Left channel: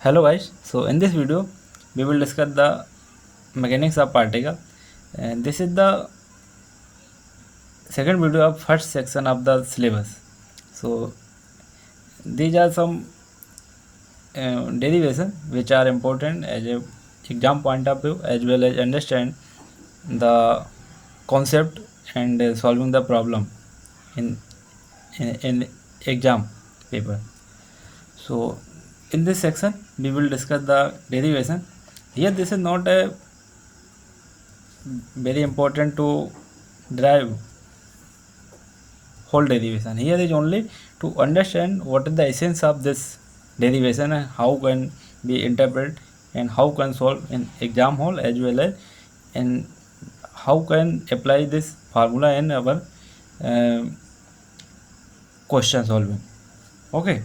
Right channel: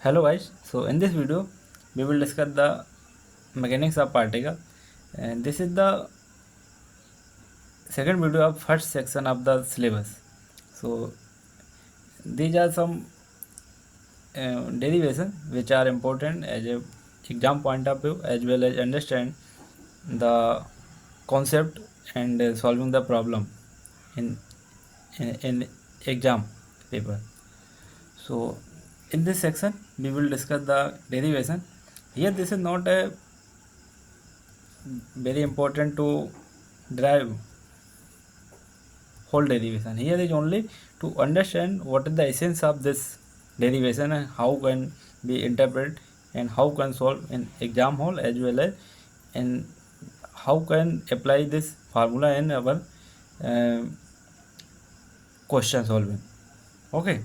Hello guys, so in this video we will discuss the mechanics of particle, and this is the second video of first section of the syllabus. So these are some derivation which are important as a exam point of view, as well as understand the concept and solving the problem in, in exam paper. So in this section we will discuss the derivation. Here this is not a very important to derive whole derivation. Here is only to understand what is the essence of this derivation and how can be interpreted and how can solve in exam hall, as well as and how can apply this formula in our uh, question solving. Okay,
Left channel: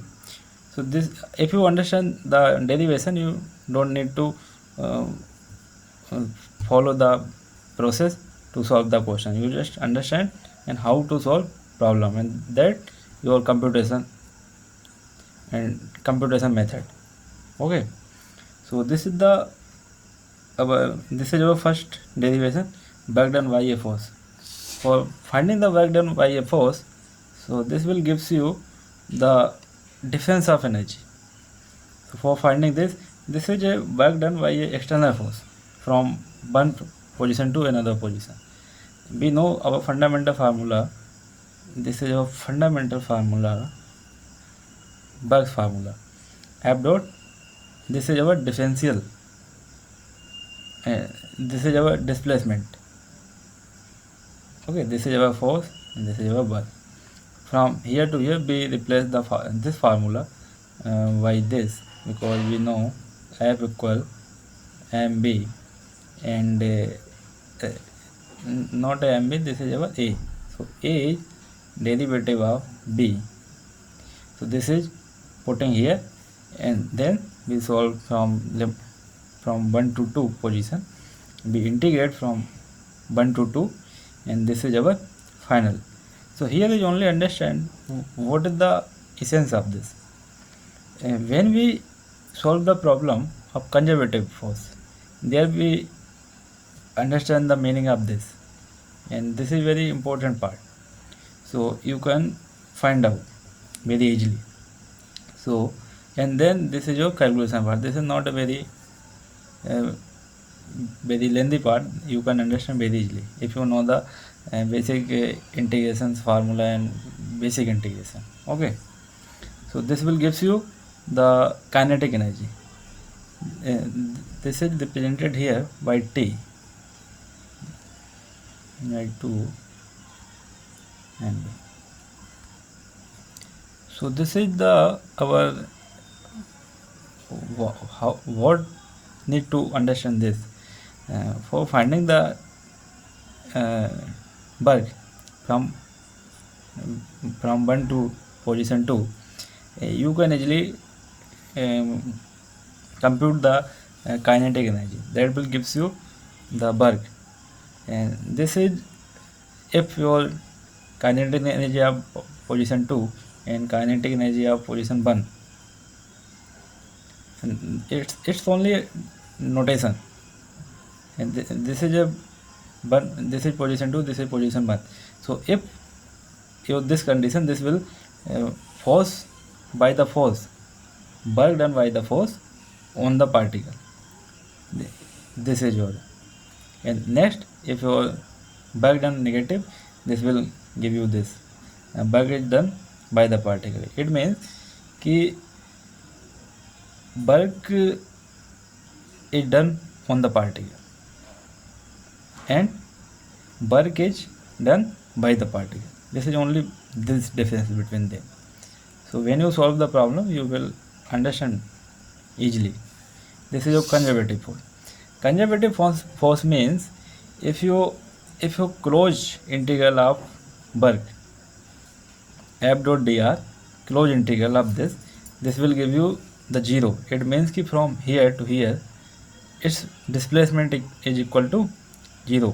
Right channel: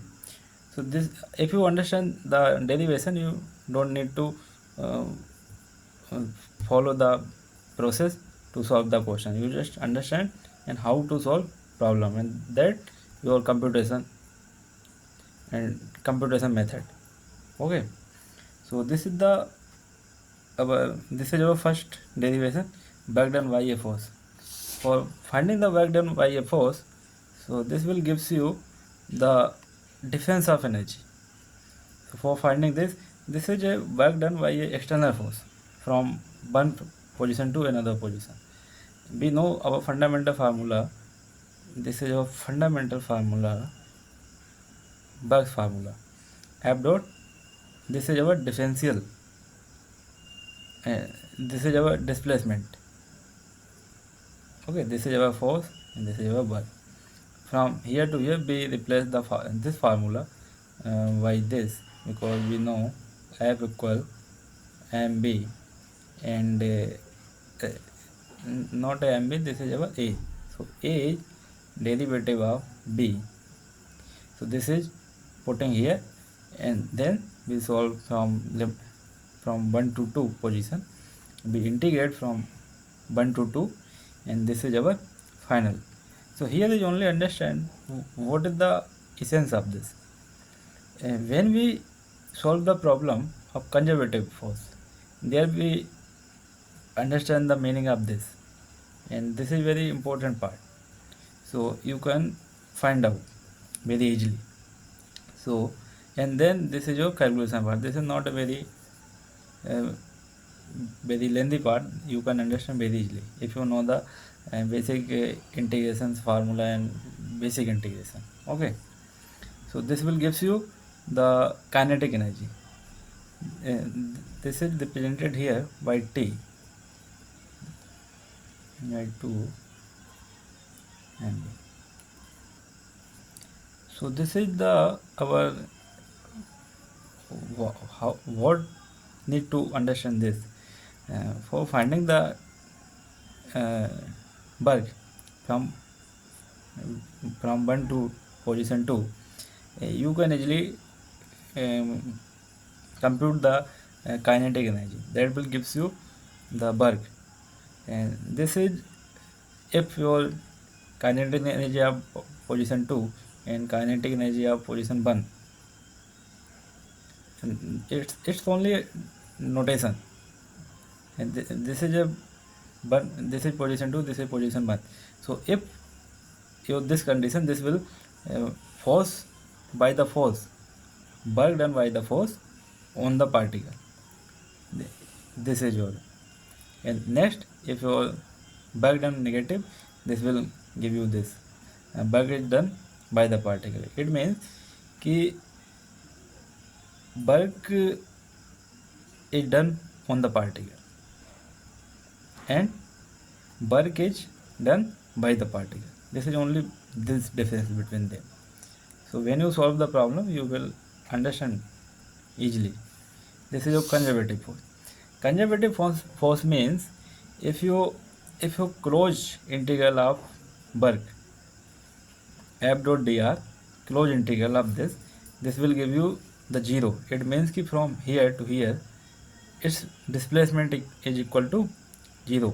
so this, if you understand the derivation, you don't need to uh, follow the process to solve the question. You just understand and how to solve problem, and that your computation method. Okay, so this is the our first derivation, work done by a force. For finding the work done by a force, so this will gives you the difference of energy. So for finding this is a work done by a external force from one position to another position. We know our fundamental formula. This is our fundamental formula, work formula. F dot. This is our differential. This is our displacement. Okay, this is our force and this is our work. From here to here, we replace this formula by this, because we know F equal mb, and not mb, this is our a. So a is derivative of b. So this is putting here, and then we solve from 1 to 2 position. We integrate from 1 to 2, and this is our final. So here is only understand what is the essence of this. When we solve the problem of conservative force, there we understand the meaning of this, and this is very important part. So you can find out very easily. So, and then this is your calculation part. This is not a very very lengthy part. You can understand very easily if you know the basic integrations formula and basic integration. Okay, so this will gives you the kinetic energy. uh, this is represented here by T, by 2 and so this is the our how what need to understand this for finding the work from 1 to position 2. You can easily compute the kinetic energy that will gives you the work, and this is if your kinetic energy of position 2 and kinetic energy of position 1. It's only notation, and this is a one, this is position 2, this is position 1. So if your this condition, this will force by the force, work done by the force on the particle. This is your, and next if your work done negative, this will give you this work is done by the particle. It means कि work is done on the particle and work is done by the particle. This is only this difference between them. So when you solve the problem, you will understand easily. This is your conservative force. Conservative force means if you close integral of work f dot dr, close integral of this will give you the 0. It means कि from here to here its displacement is equal to 0.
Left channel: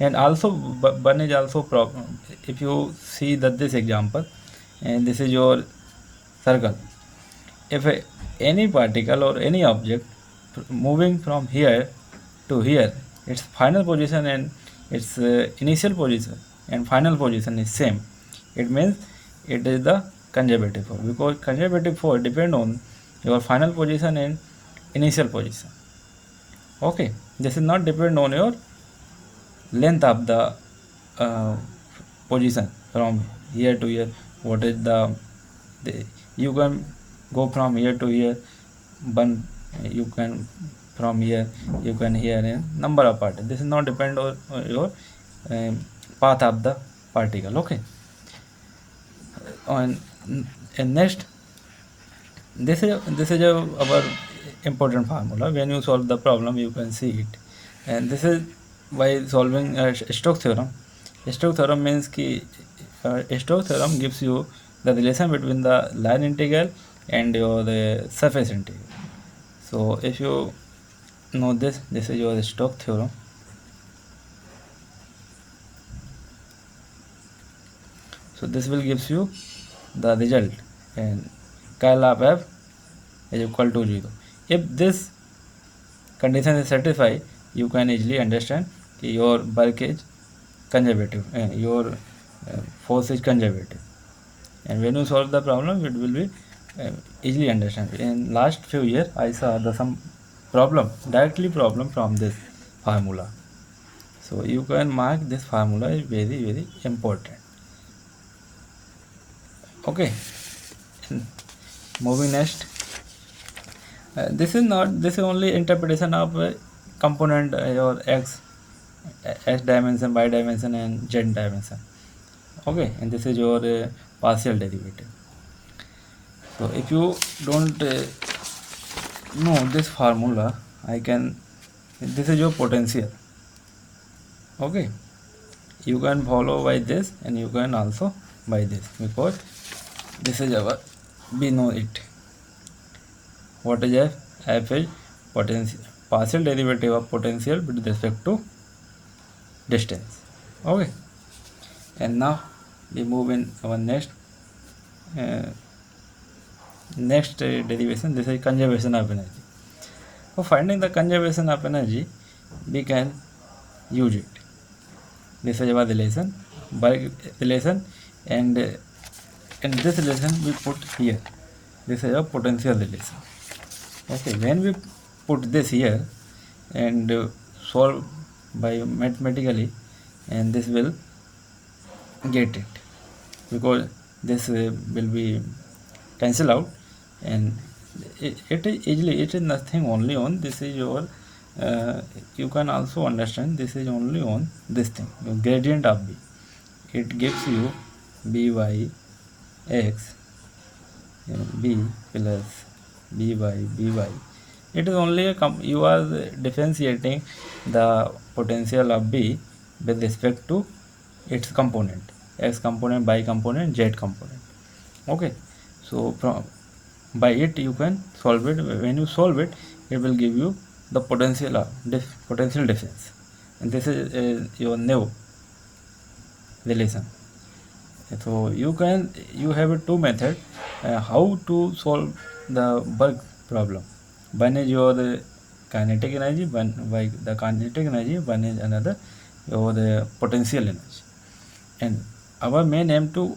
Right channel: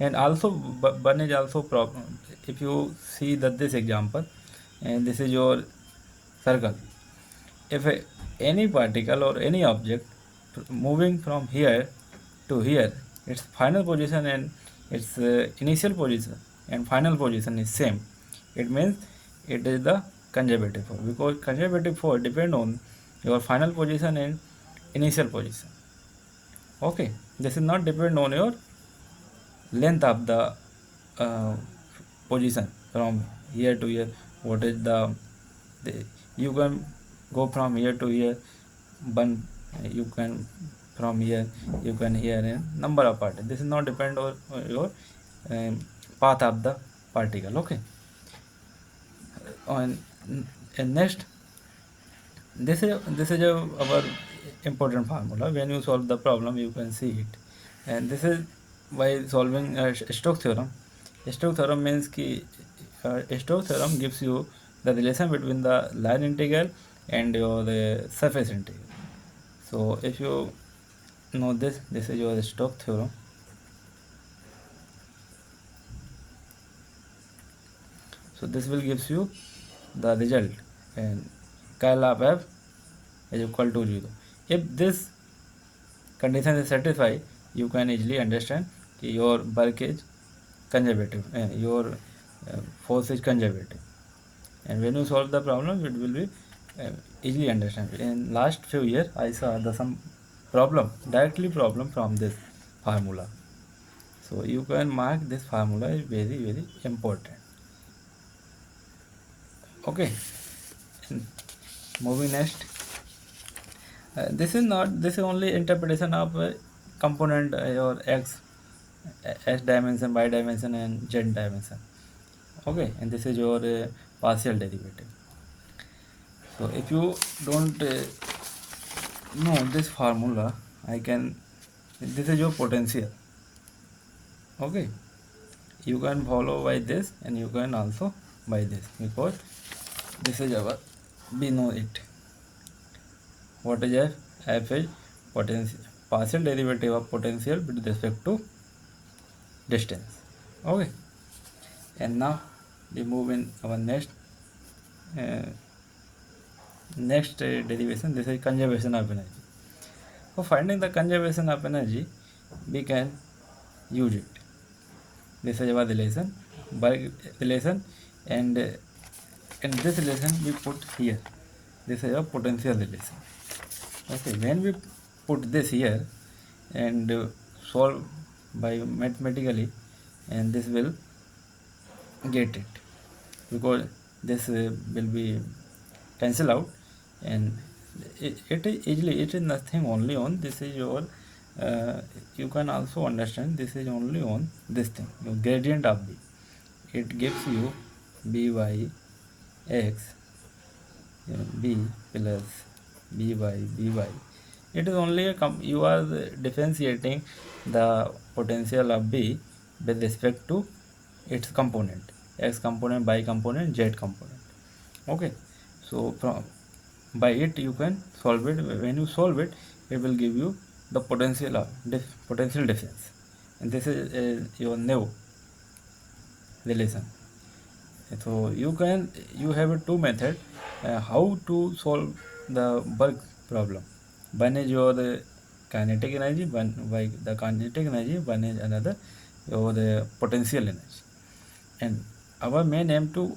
And also one is also problem. If you see that this example, and this is your circle, if any particle or any object moving from here to here, its final position and its initial position and final position is same, it means it is the conservative force, because conservative force depend on your final position and initial position. Okay, this is not depend on your length of the uh, position from here to here. What is the you can go from here to here, one you can from here, you can here in number of particles. This is not depend on your um, path of the particle. Okay, on and next, this is our important formula. When you solve the problem, you can see it, and this is by solving Stokes theorem. Stokes theorem means कि Stokes theorem gives you the relation between the line integral and your the surface integral. So if you know this is your Stokes theorem. So this will gives you the result, and curl of f is equal to 0. If this condition is satisfied, you can easily understand your work is conservative and your force is conservative. And when you solve the problem, it will be easily understand. In last few years, I saw some directly problem from this formula. So you can mark this formula is very important. Okay, moving next. This is only interpretation of component your x dimension, y dimension and z dimension. Okay, and this is your partial derivative. So if you don't know this formula, this is your potential. Okay, you can follow by this and you can also by this, because this is our, we know it. What is f? F is potential, partial derivative of potential with respect to distance. Okay, and now we move in our next derivation. This is conservation of energy. For finding the conservation of energy, we can use it. This is our relation, by relation, and in this relation we put here. This is a potential relation. Okay, when we put this here and solve by mathematically, and this will get it, because this will be cancel out, and it is easily, it is nothing only on this is your you can also understand this is only on this thing, your gradient of b. It gives you by x b plus by. It is only you are differentiating the potential of b with respect to its component, x component, y component, z component. Okay, so from by it you can solve it. When you solve it, it will give you the potential potential difference, and this is your new relation. So you have a two method how to solve the work problem. One is your kinetic energy, one by the kinetic energy, one is another your potential energy. And our main aim to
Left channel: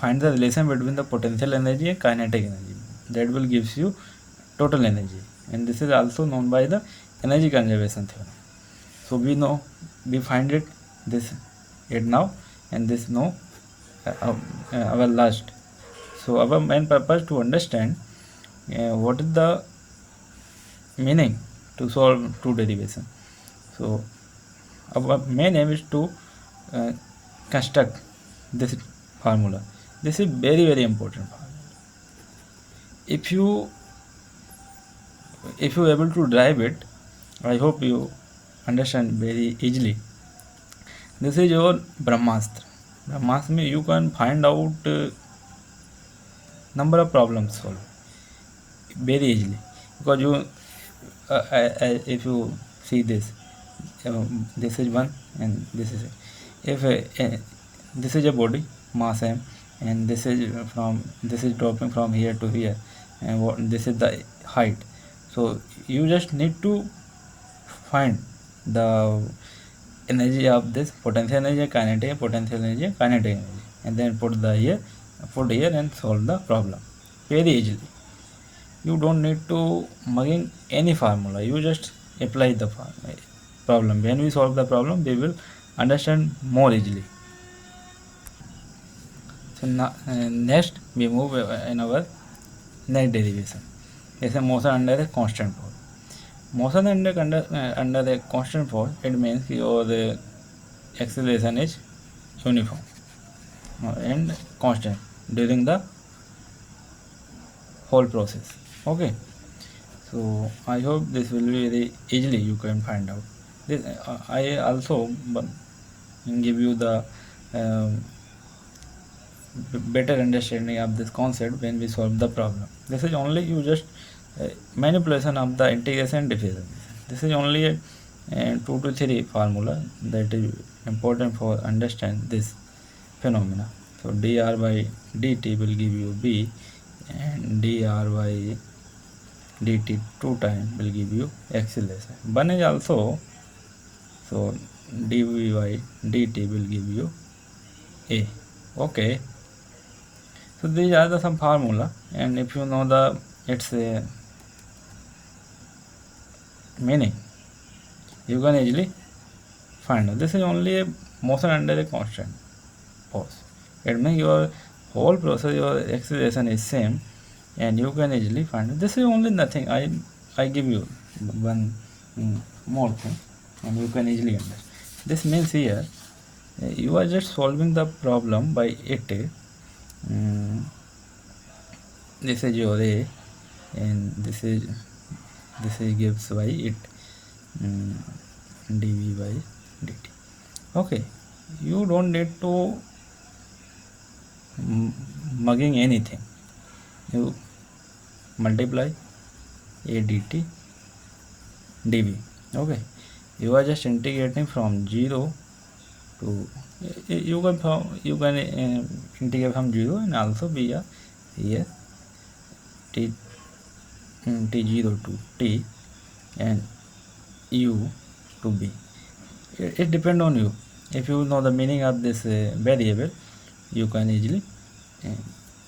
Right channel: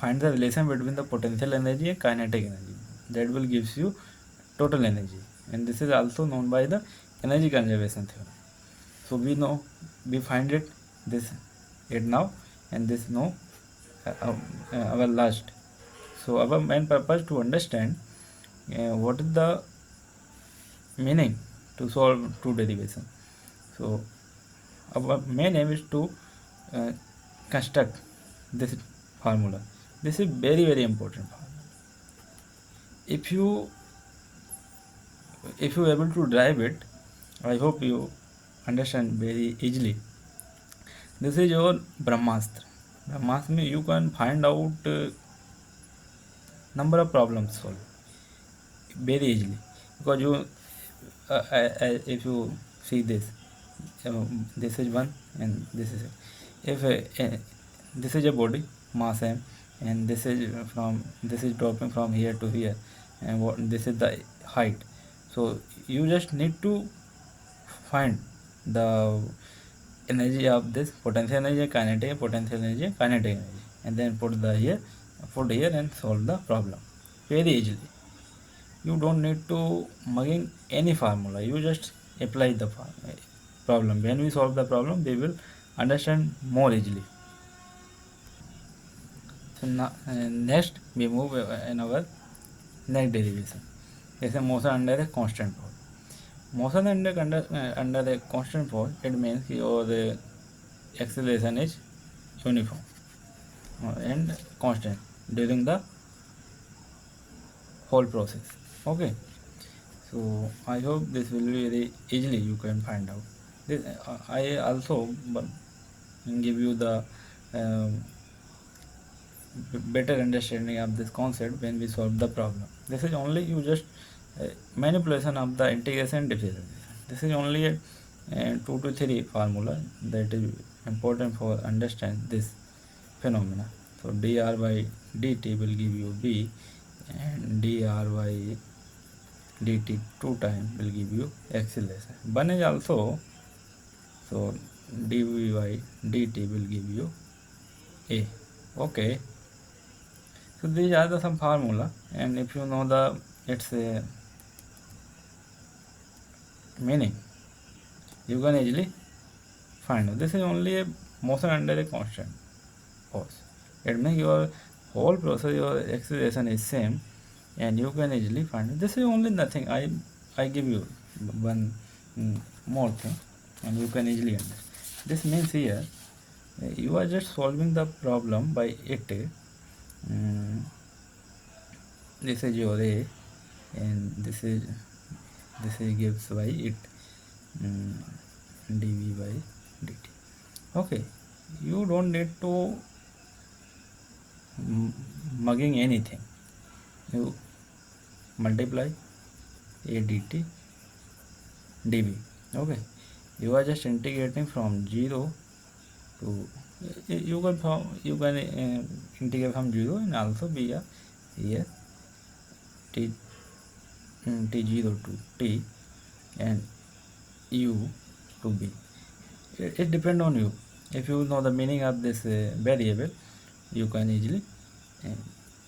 find the relation between the potential energy and kinetic energy. That will gives you total energy, and this is also known by the energy conservation theorem. So we find it now, and this now our last. So our main purpose to understand what is the meaning to solve two derivation. So our main aim is to construct this formula. This is very important formula. If you able to drive it, I hope you understand very easily. This is your Brahmastra. Brahmastra means you can find out number of problems solved very easily, because you if you see this, this is one and this is if this is a body mass m, and this is dropping from here to here, and this is the height. So you just need to find the energy of this potential energy, kinetic potential energy, kinetic energy, and then put here and solve the problem very easily. You don't need to mugging any formula, you just apply the problem. When we solve the problem, we will understand more easily. So now, next we move in our next derivation. It's a motion under a constant force. Motion under the constant force, it means your acceleration is uniform and constant during the whole process. Okay, so I hope this will be very easily you can find out this. I also give you the um, better understanding of this concept when we solve the problem. This is only you just manipulation of the integration differentiation. This is only a 2 to 3 formula that is important for understand this phenomena. So dr by dt will give you b, and dr by dt 2 times will give you acceleration. One is also, so dv by dt will give you a. Okay, so these are the some formula, and if you know the its meaning, you can easily find out. This is only a motion under a constant force. It means your whole process, your acceleration is same, and you can easily find it. This is only nothing. I give you one more thing, and you can easily understand. This means here you are just solving the problem by it. Um, this is your a, and this is gives by it, dv by dt. Okay, you don't need to mugging anything. You multiply a dt dv. Okay, you are just integrating from 0 to you can integrate from 0 and also be a here t t0 to t and u to b. It depends on you. If you know the meaning of this variable, you can easily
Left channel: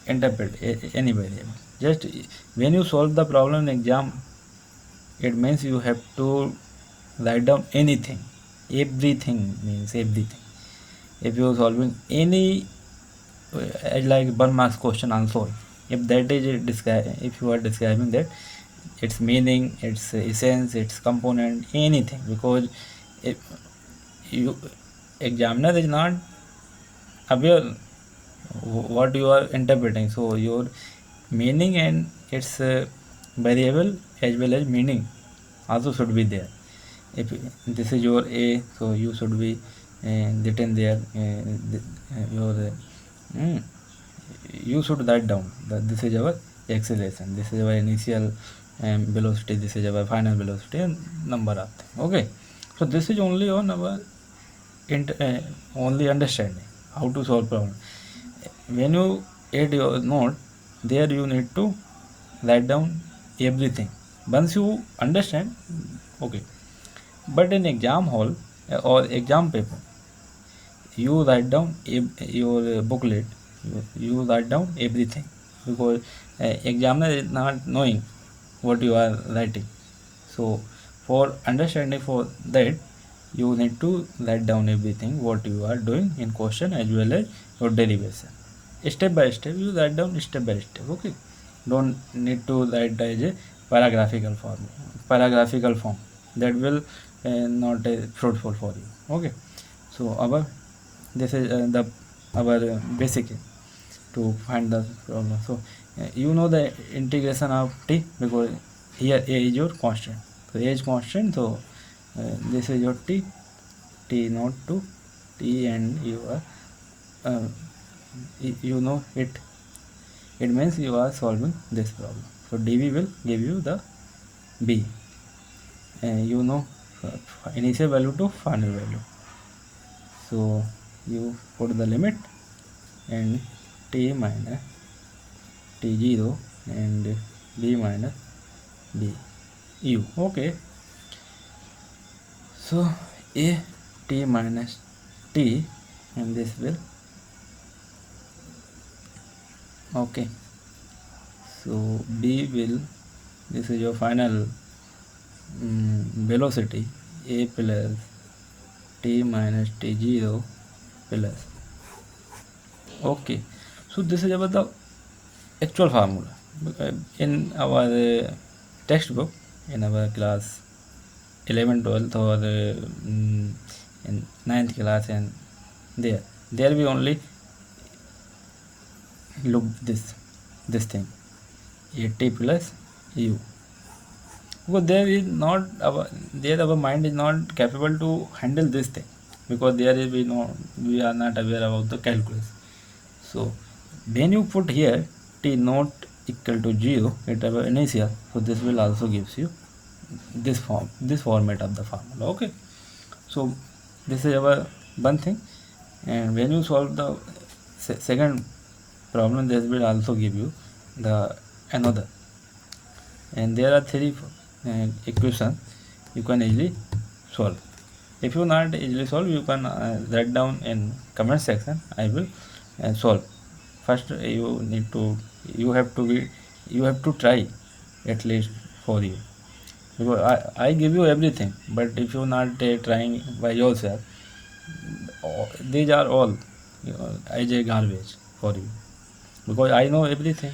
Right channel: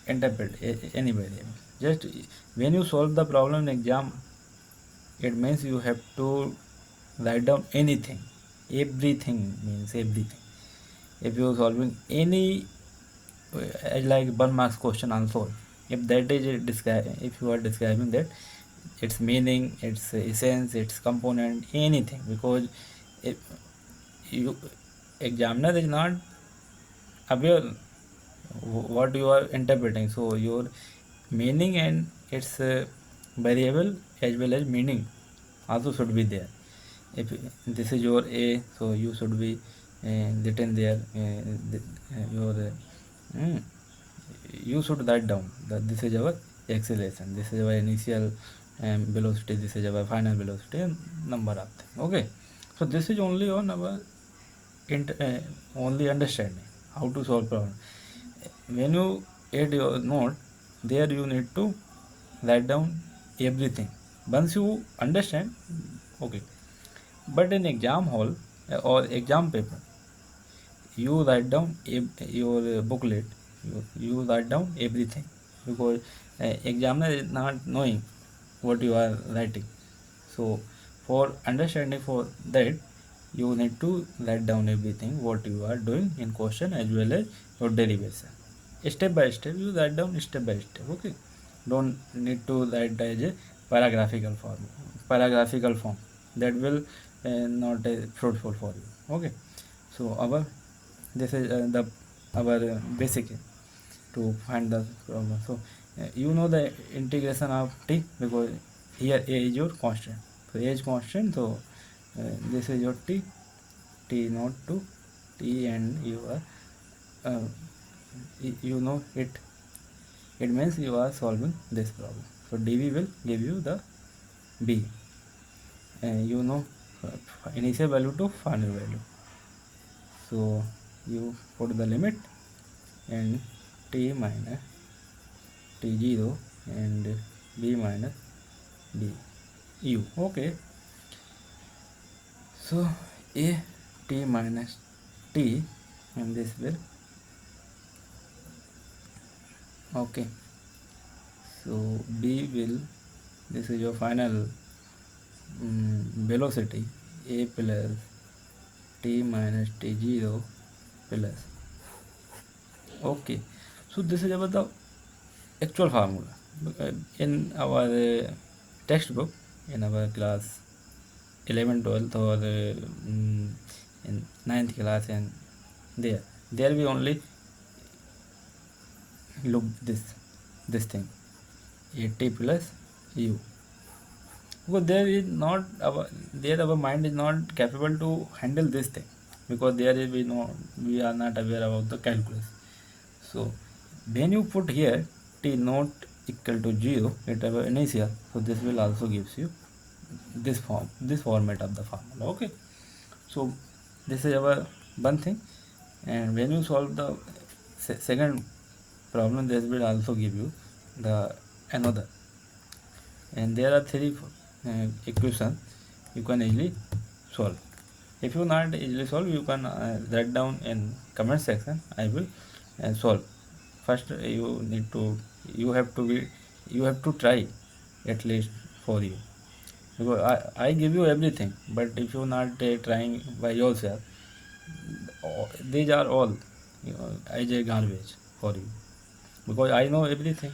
interpret any variable. Just when you solve the problem in exam, it means you have to write down anything. Everything means everything. If you are solving any like 1 marks question also, if that is if you are describing that its meaning, its essence, its component, anything, because if you examiner is not aware what you are interpreting, so your meaning and its variable as well as meaning also should be there. If this is your a, so you should be written there your you should write down that this is our acceleration, this is our initial velocity, this is our final velocity, and number of them. Okay, so this is only on our only understanding how to solve problem. When you add your note, there you need to write down everything. Once you understand, okay. But in exam hall or exam paper, you write down your booklet, you write down everything, because examiner is not knowing what you are writing. So for understanding, for that you need to write down everything what you are doing in question as well as your derivation. Step by step you write down, step by step. Okay, don't need to write as a paragraphical form, that will not fruitful for you. Okay, so our this is the our basic to find the problem. So you know the integration of t, because here a is your constant, so a is constant, so this is your t not to t, and you are you know it means you are solving this problem. So dv will give you the b, and you know initial value to final value. So you put the limit and t minus t0 and b minus b u. Okay, so a t minus t, and this will, okay, so b will, this is your final velocity, a plus t minus t0 plus, okay, so this is about the actual formula. In our textbook, in our class 11, 12, or in 9th class, and there we only look this thing, at plus u, because there is not our mind is not capable to handle this thing, because there is, we are not aware about the calculus. So when you put here t not equal to 0 at our initial, so this will also gives you this format of the formula. Okay, so this is our one thing, and when you solve the second problem, this will also give you the another, and there are three equations you can easily solve. If you not easily solve, you can write down in comment section. I will solve. First you have to try at least for you, because I give you everything, but if you not trying by yourself, these are all as a garbage for you, because I know everything.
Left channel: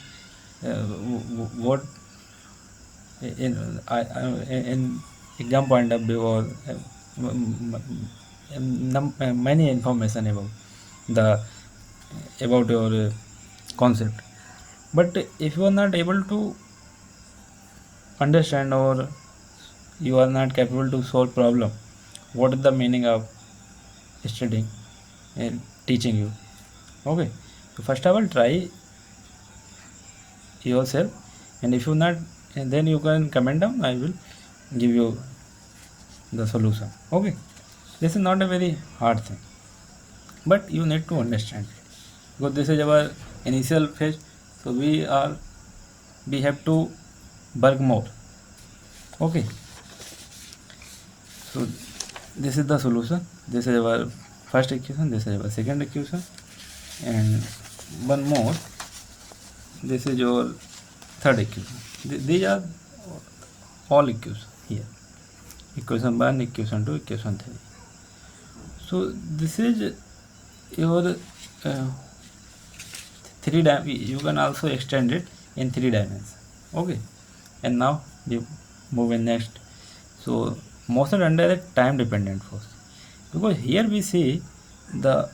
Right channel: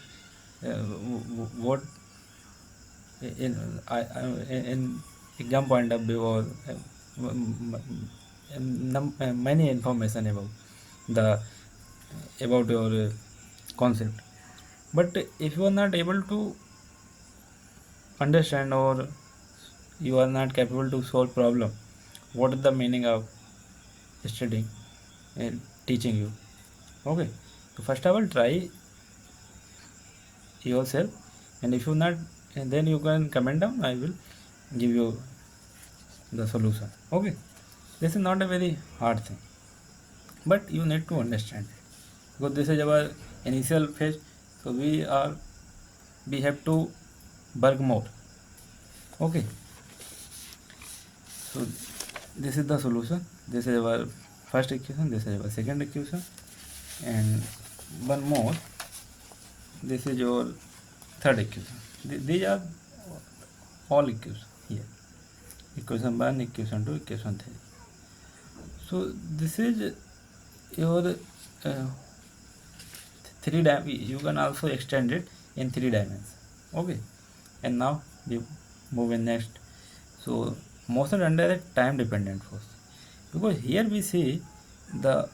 What in exam point of view, or many information about your concept, but if you are not able to understand, or you are not capable to solve problem, what is the meaning of studying and teaching you? Okay, so first of all, try yourself, and if you not, and then you can comment down, I will give you the solution. Okay, this is not a very hard thing, but you need to understand it, because this is our initial phase, so we have to work more. Okay, so this is the solution. This is our first equation, this is our second equation, and one more, this is your third equation. These are all equations here, equation 1, equation 2, equation 3. So this is your you can also extend it in 3 dimensions. Okay, and now we move in next. So motion under a time dependent force, because here we see the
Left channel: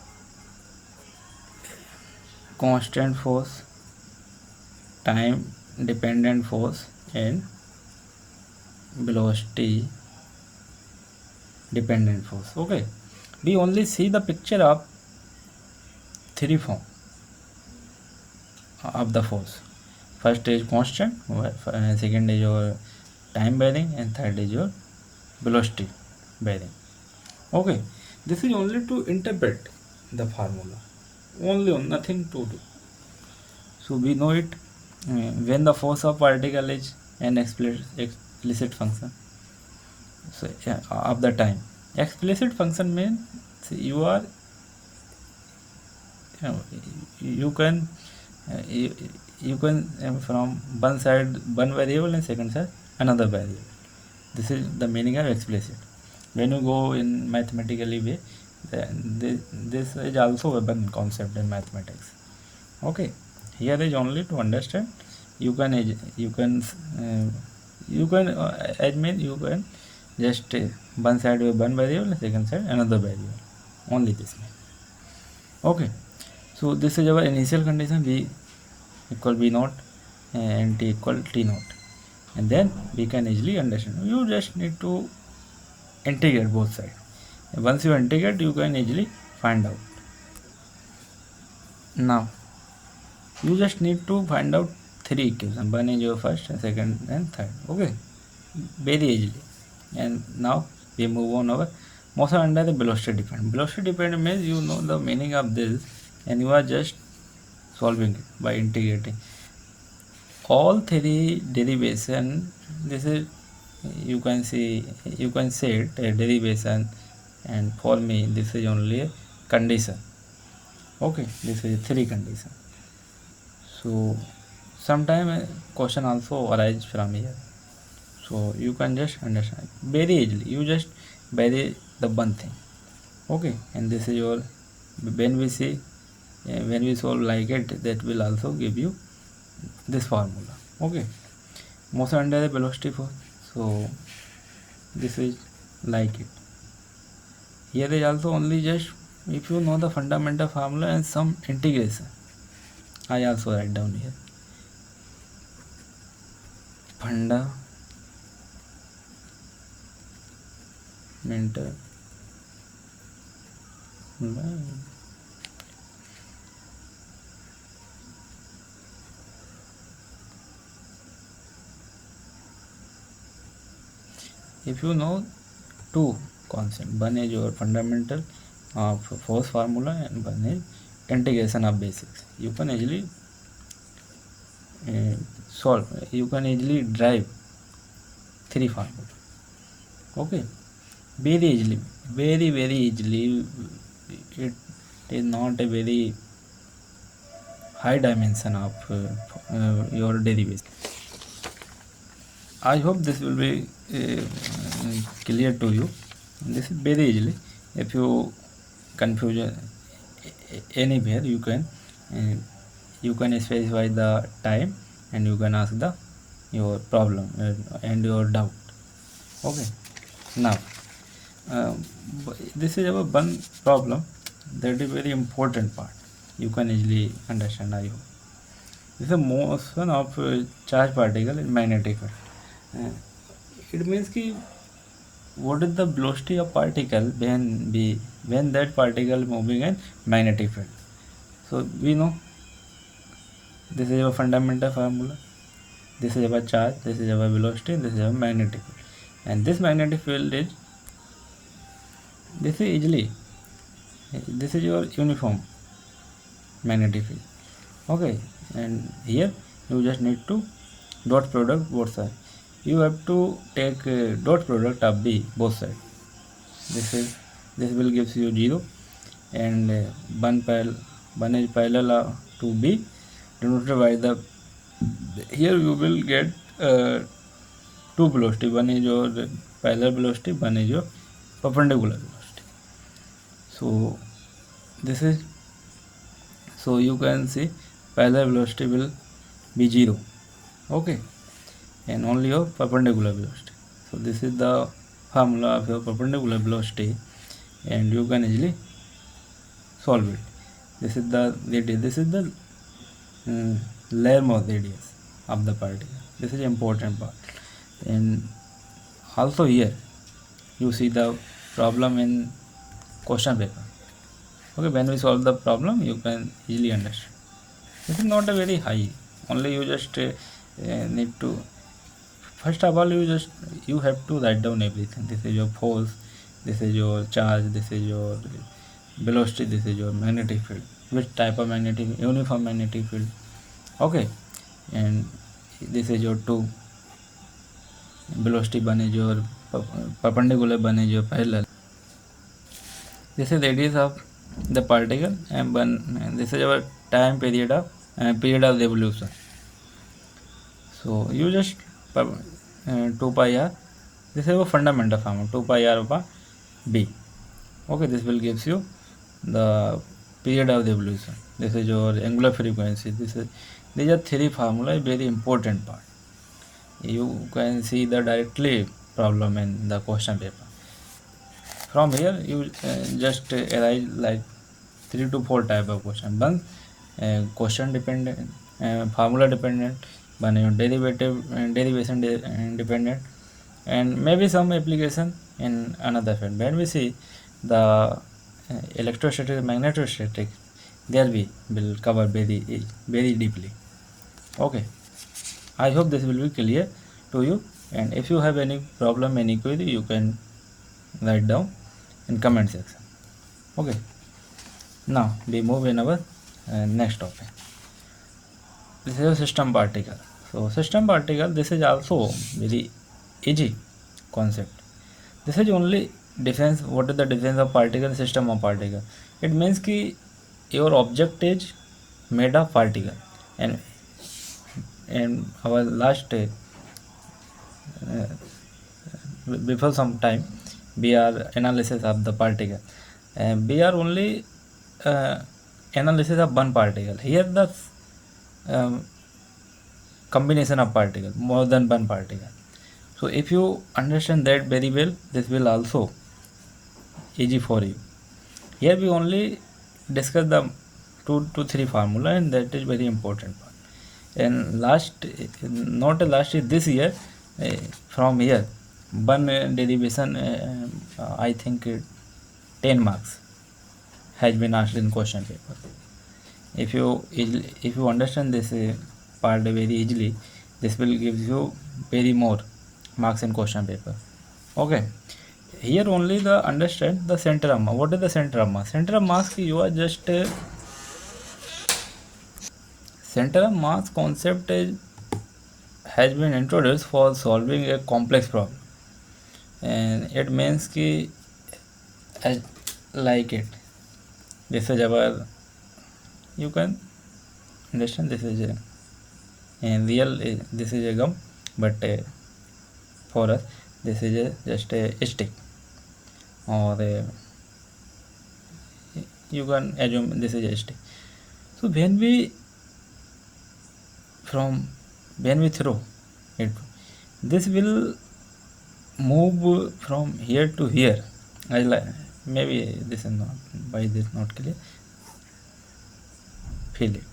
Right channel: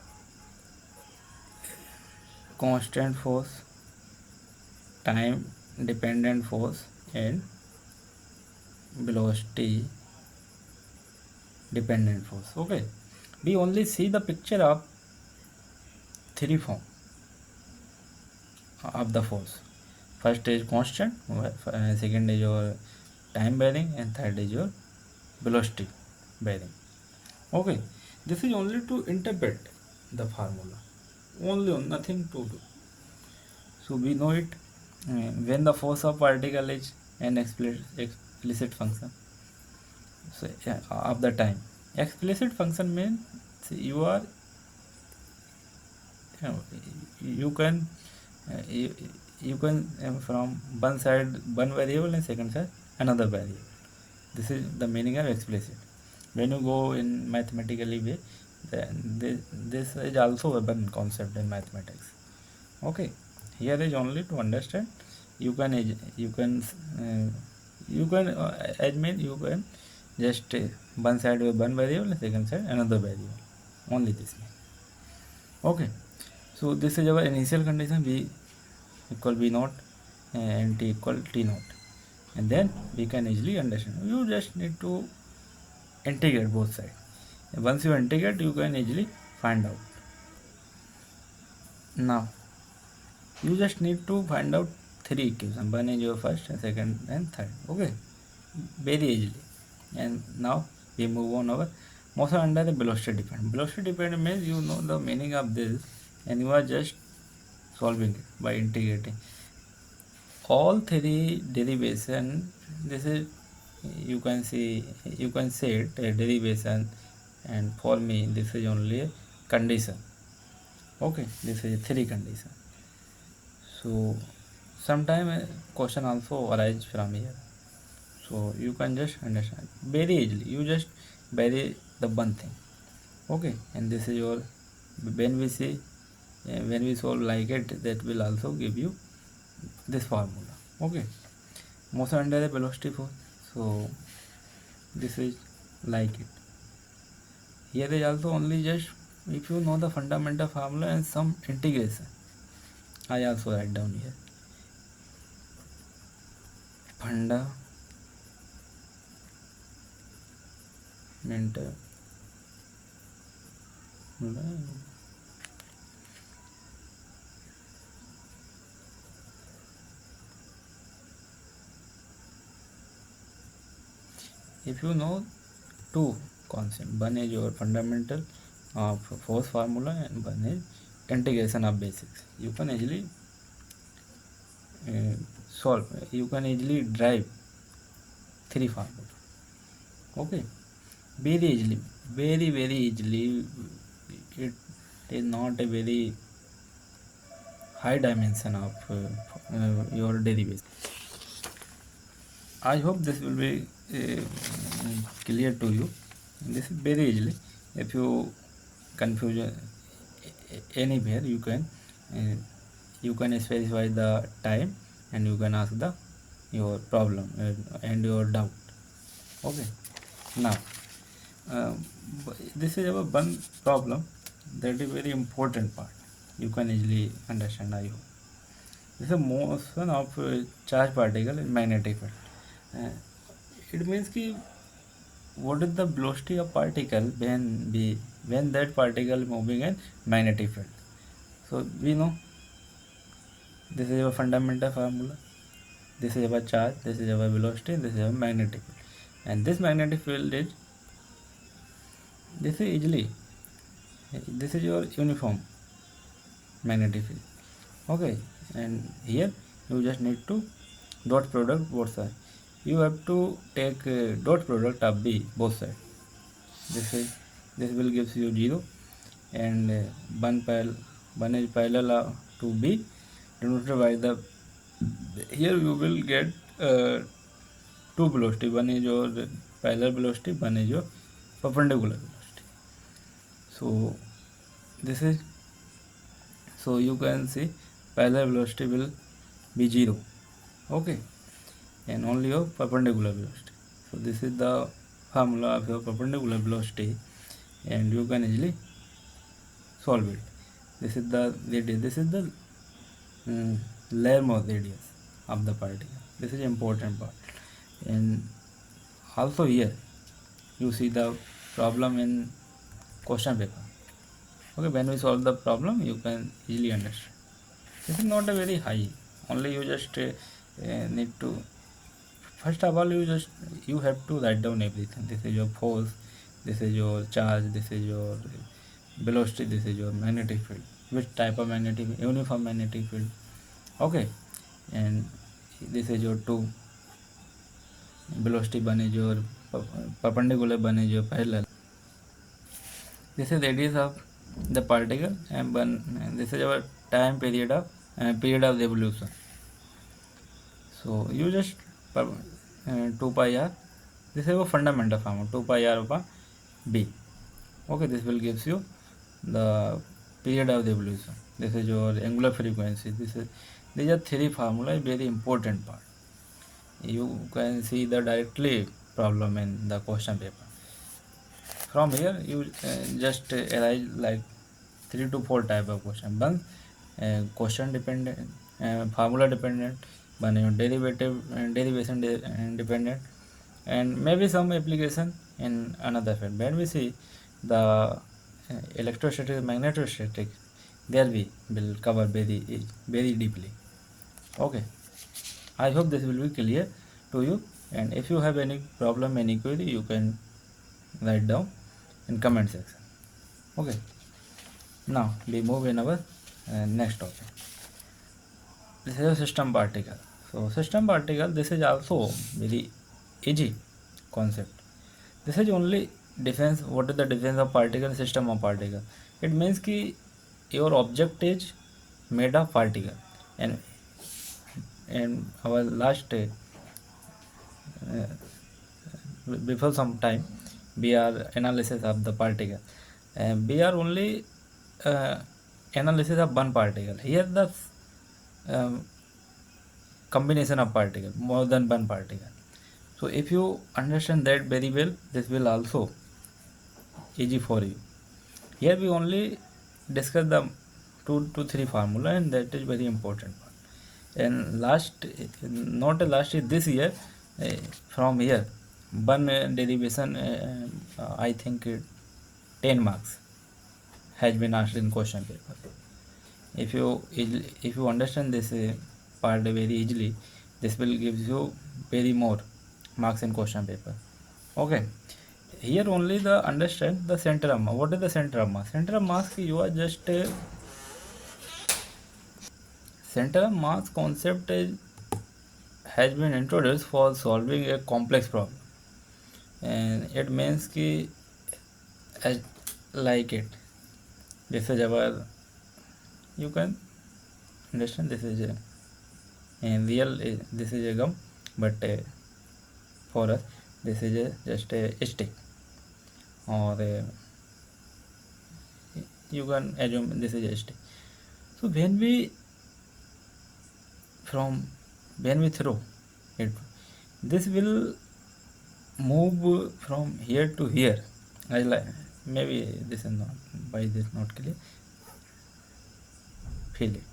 constant force, time dependent force, and velocity dependent force. Okay, we only see the picture of three form of the force. First is constant, second is your time varying, and third is your velocity varying. Okay, this is only to interpret the formula, only nothing to do. So we know it, when the force of particle is an explicit function, so of the time. Explicit function means you are, you can from one side one variable, and second side another variable. This is the meaning of explicit. When you go in mathematically way, this is also a one concept in mathematics. Okay, here is only to understand. You can admit, you can just one side with one variable, and second side another variable, only this way. Okay, so this is our initial condition, v equal v naught and t equal t naught, and then we can easily understand. You just need to integrate both sides. Once you integrate, you can easily find out. Now you just need to find out three equations. One is your first, and second, and third. Okay, very easily. And now we move on our motion under the velocity dependent. Velocity dependent means you know the meaning of this, and you are just solving it by integrating all three derivation, this is you can see, you can say it a derivation, and for me this is only a condition. Okay, this is three condition. So sometimes question also arise from here, so you can just understand very easily. You just vary the one thing. Okay, and this is your, when we see when we solve like it, that will also give you this formula. Okay, motion under the velocity force, so this is like it. Here is also only just, if you know the fundamental formula and some integration, I also write down here fundamental. If you know two concepts, one is your fundamental of force formula and one is integration of basics, you can easily solve, you can easily drive three formula. Okay, very easily, very easily. It is not a very high dimension of your derivation. I hope this will be clear to you. This is very easily. If you confuse anywhere, you can specify the time and you can ask the your problem and your doubt. Okay. Now, this is our one problem that is very important part. You can easily understand. I hope. This is the motion of charged particle in magnetic field. It means कि what is the velocity of particle when that particle moving in magnetic field. So we know this is our fundamental formula. This is our charge, this is our velocity, this is our magnetic field, and this magnetic field is, this is easily, this is your uniform magnetic field. Okay, and here you just need to dot product both sides. You have to take dot product of B both sides. This will gives you 0, and one is parallel to B denoted by the, here you will get two velocity, one is your parallel velocity, one is your perpendicular velocity. So this is, so you can see parallel velocity will be 0. Okay, and only your perpendicular velocity. So this is the formula of your perpendicular velocity, and you can easily solve it. This is the radius, this is the Lermo radius of the particle. This is important part. And also here you see the problem in question paper. Okay, when we solve the problem, you can easily understand. This is not a very high, only you just need to, first of all you have to write down everything. This is your force, this is your charge, this is your velocity, this is your magnetic field, which type of magnetic, uniform magnetic field. Okay, and this is your two velocity, one is your perpendicular, one is your parallel. This is radius of the particle, and this is our time period of revolution. So you just 2 pi r, this is a fundamental formula, 2 pi r over b. Okay, this will gives you the period of revolution. This is your angular frequency. These are three formula, very important part. You can see the directly problem in the question paper. From here you just arise like 3 to 4 type of question. One question dependent, formula dependent, one derivation dependent, and maybe some application in another field. When we see the electrostatic and magnetostatic, there we will cover very deeply. Okay, I hope this will be clear to you, and if you have any problem, any query, you can write down in comment section. Okay, now we move in our next topic. This is a system particle. So system particle, this is also very easy concept. This is only difference. What is the difference of particle, system of particle? It means कि your object is made of particle, and in our last before some time we are analysis of the particle, and we are only uh, analysis of one particle. Here the um, combination of particle, more than one particle. So if you understand that very well, this will also easy for you. Here we only discuss the 2 to 3 formula, and that is very important part. And last, not last is this year, uh, from here one derivation, I think 10 marks has been asked in question paper. If you understand this part very easily, this will give you very more marks in question paper. Okay, here only the understand the center of mass. What is the center of mass? Center of mass, you are just center of mass concept has been introduced for solving a complex problem, and it means ki as like it, this is our, you can understand, this is a, in real this is a gum, but for us this is just a stick, or you can assume this is a stick. So when we throw it, this will move from here to here. Maybe this is not, why this not clear. Feel it.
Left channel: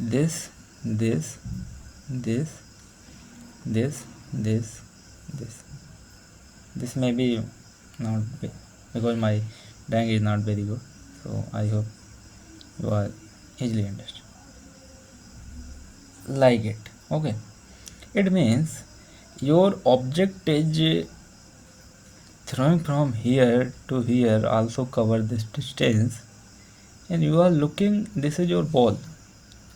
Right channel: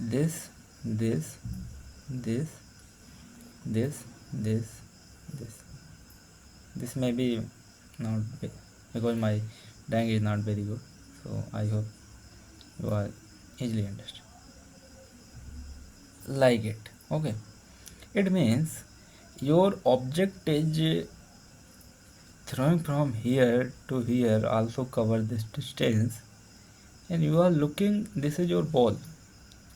This, this, this, this, this, this. This may be not, because my drawing is not very good. So I hope you are easily understand. Like it. Okay. It means your object is throwing from here to here, also cover this distance, and you are looking, this is your ball,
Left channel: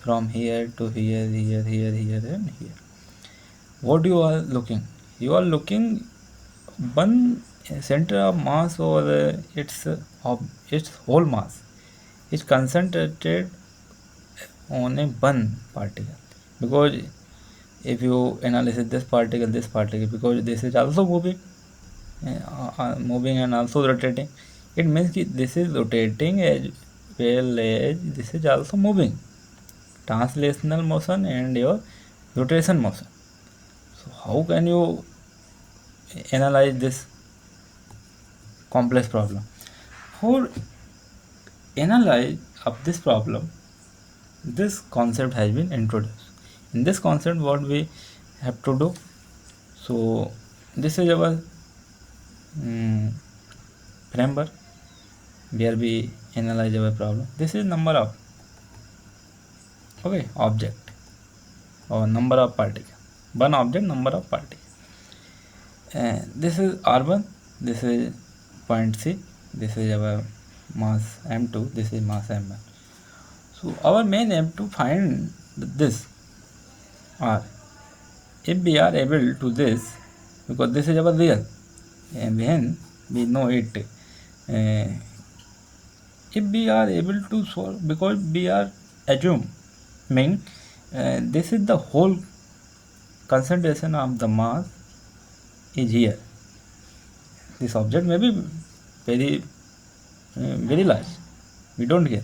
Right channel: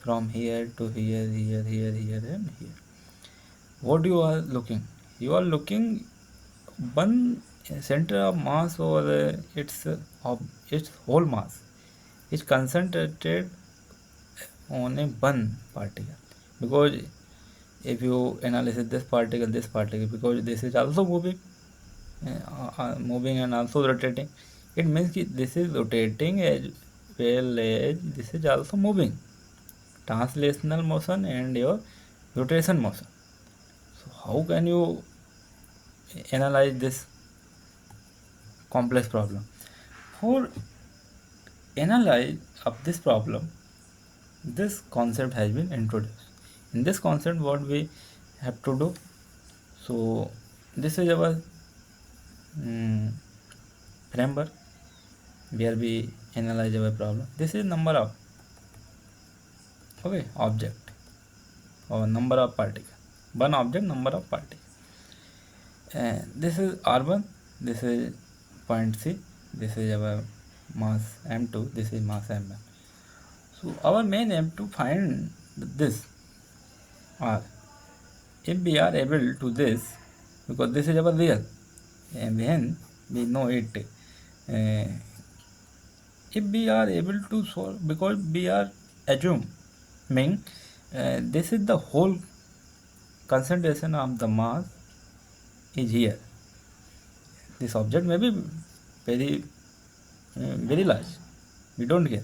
from here to here, here, here, here, and here. What you are looking? You are looking one center of mass, or its whole mass is concentrated on a one particle. Because if you analyze this particle, because this is also moving, and also rotating, it means this is rotating as well as this is also moving. Translational motion and your rotation motion. So how can you analyze this complex problem? For analyze of this problem, this concept has been introduced. In this concept, what we have to do, so this is our framework where we analyze our problem. This is number of object, or number of particle. One object, number of particle. This is R1, this is point C, this is our mass M2, this is mass M1. So our main aim to find this R. If we are able to this, because this is our real, and then we know it. If we are able to solve, because we are assuming this is the whole concentration of the mass is here. This object may be very large, we don't care,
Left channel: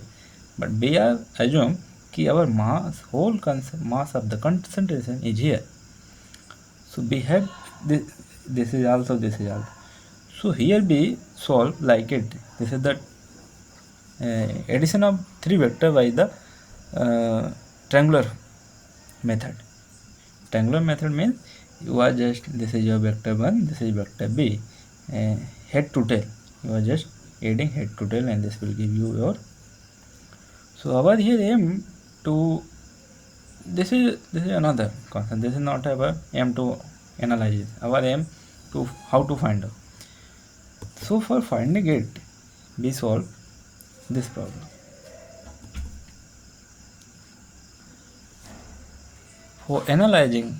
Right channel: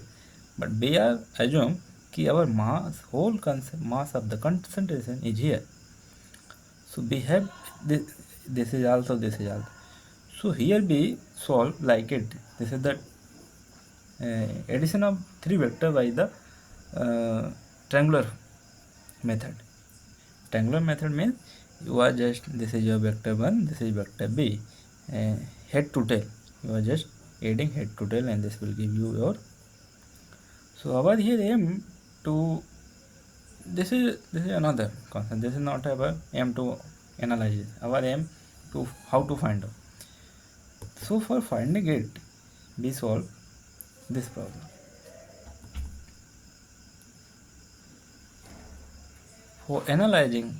but we are assume कि our mass, whole mass of the concentration is here. So we have this is also. So here we solve like it. This is the addition of 3 vector by the triangular method. Triangular method means you are just, this is your vector 1, this is vector B, head to tail, you are just adding head to tail, and this will give you your. So our here aim to, this is another concept. This is not our aim to analyze it. Our aim to how to find out. So for finding it, we solve this problem. For analyzing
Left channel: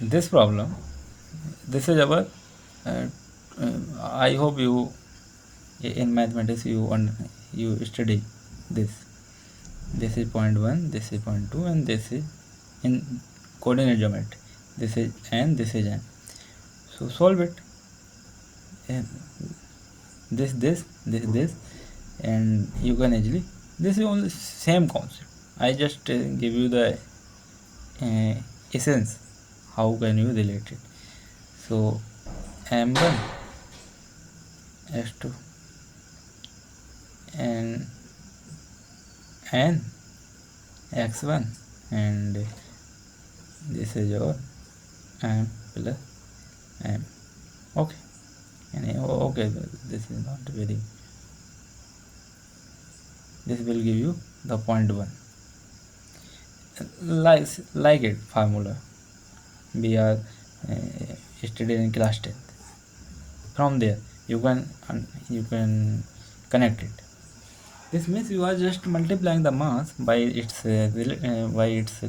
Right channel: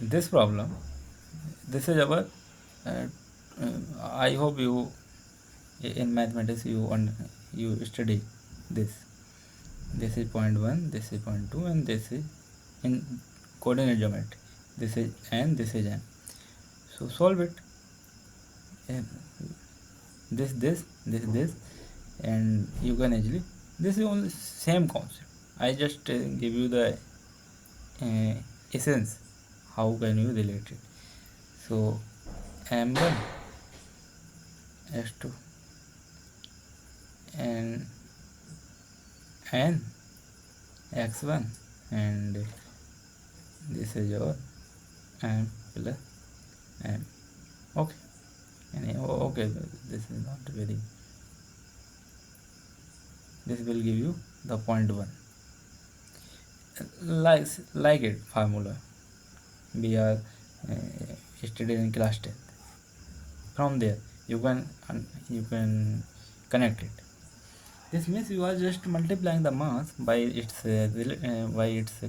this problem, this is our I hope you in mathematics you study this. This is point 1, this is point 2, and this is in coordinate geometry. This is n, this is n. So solve it. And this, and you can easily. This is only same concept. I just give you the essence. How can you relate it? So m1 s2 and n x1, and this is your m plus m. Okay, and okay, this is not very. This will give you the point 1. Like it formula we are studied in class 10. From there you can connect it. This means you are just multiplying the mass by its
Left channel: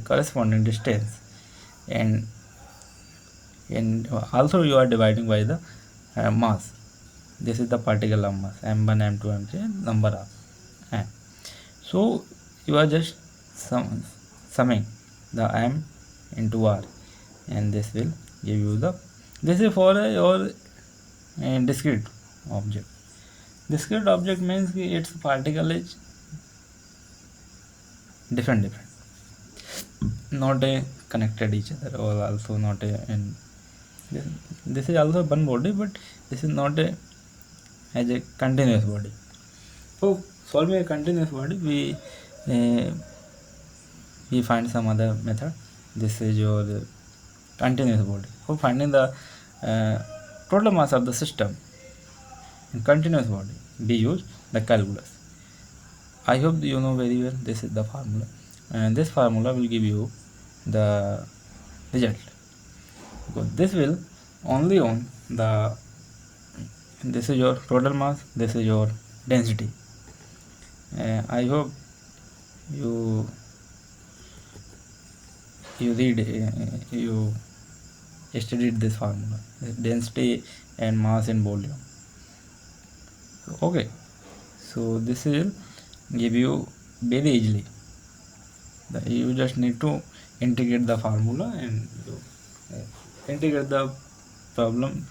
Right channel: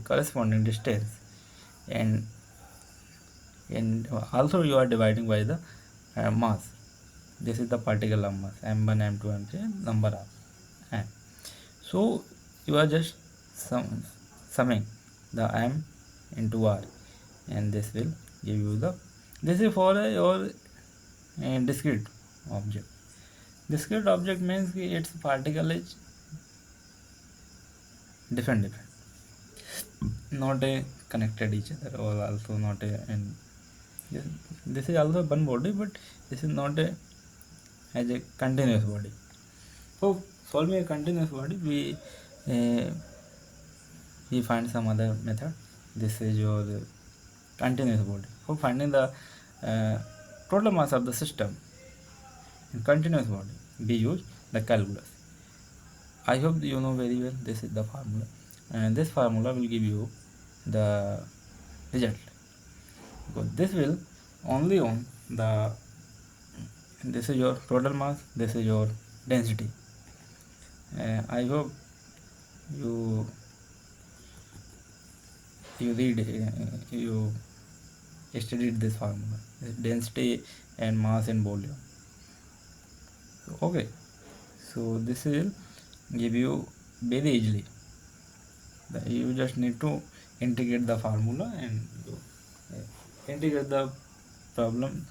corresponding distance, and also you are dividing by the mass. This is the particle of mass m1, m2, m3, number of m. So you are just summing the m into r, and this will give you the. This is for your discrete object. Discrete object means its particle is different, not connected each other, or also not this is also one body, but this is not as a continuous body. So solving a continuous body, we find some other method. This is your continuous body. For finding the total mass of the system in continuous body, we use the calculus. I hope you know very well. This is the formula, and this formula will give you the result, because this will only on the. This is your total mass, this is your density. I hope you read you studied this formula, density and mass in volume. Okay, so this will give you very easily. You just need to integrate the formula and integrate the problem,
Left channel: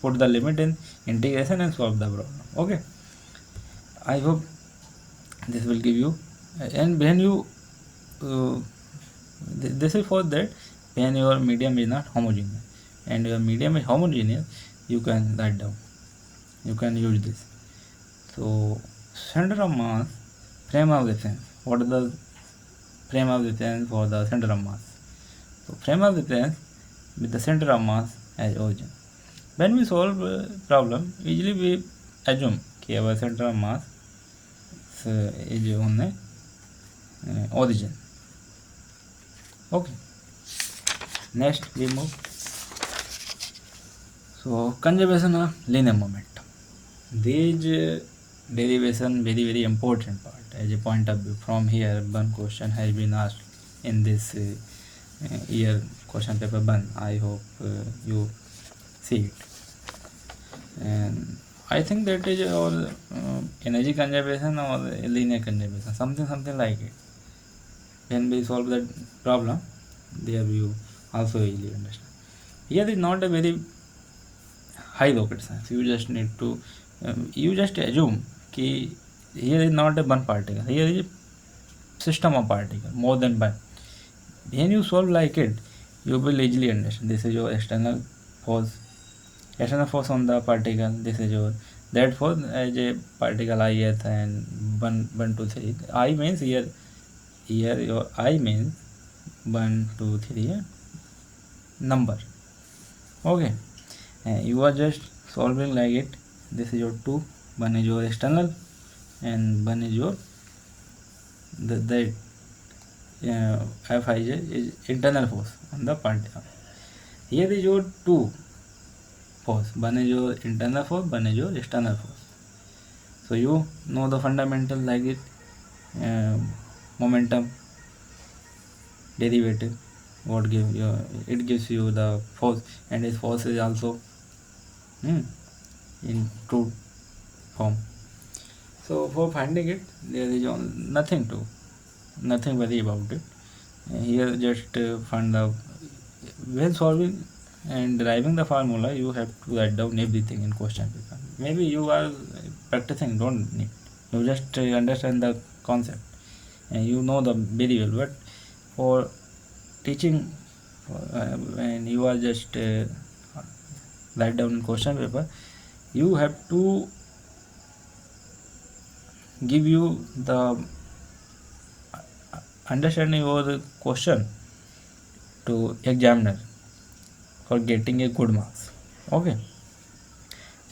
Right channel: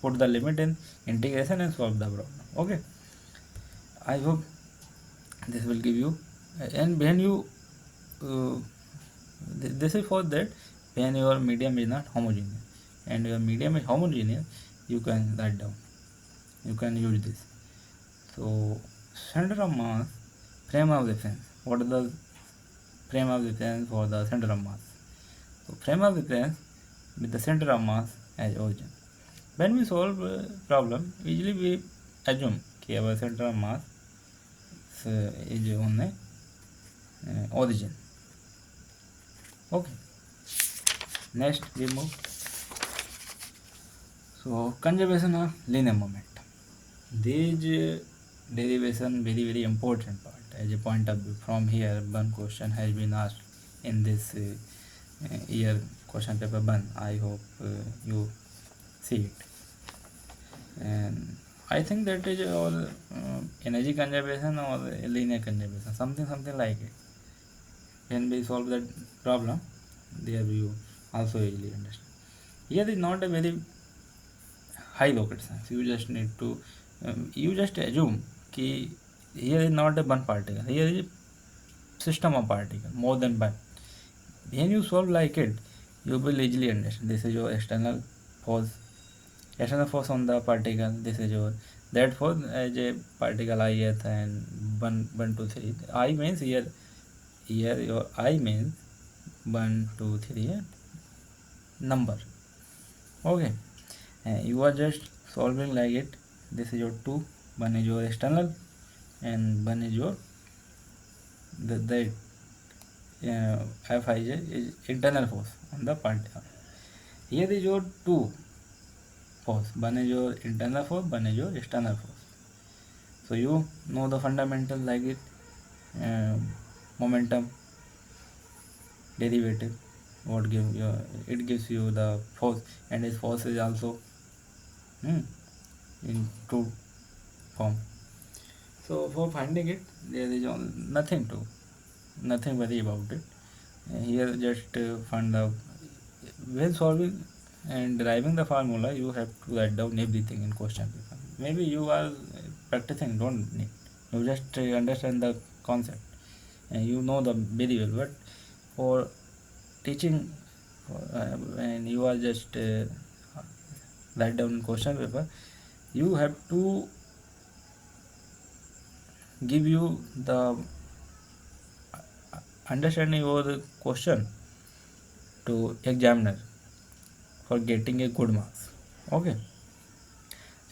put the limit in integration and solve the problem. Okay, I hope this will give you. And when you this is for that when your medium is not homogeneous, and your medium is homogeneous, you can write down, you can use this. So center of mass, frame of reference. What is the frame of reference for the center of mass? So frame of reference with the center of mass as origin. When we solve a problem, usually we assume that our center of mass is on origin. Okay. Next we move. So conservation of linear momentum. These derivation very important part as a point of view. From here, one question has been asked in this year question paper 1. I hope you see it. And I think that is all energy conservation or linear conservation, something like it. When we solve that problem, there you also easily understand. Here is not a very high rocket science. You just need to you just assume that here is not a one particle, here is a system of particles, more than one. When you solve like it, you will easily understand. This is your external force on the particle. This is your that force as a particle ith, and 1 2 3. I means here your I means 1 2 3 number. Okay, and you are just solving like it. This is your 2, 1 is your external, and 1 is your that Fij is internal force on the particle. Here is your 2 force, 1 is your internal force, 1 is your external force. So you know the fundamental like it, momentum, derivative. what give you, it gives you the force, and this force is also in true form. So for finding it, there is nothing worry about it. Here just find the, when solving and deriving the formula, you have to write down everything in question paper. Maybe you are practicing, don't need, you just understand the concept and you know the very well. But for teaching, when you are just write down in question paper, you have to give you the understanding of the question to examiner for getting a good marks. Okay,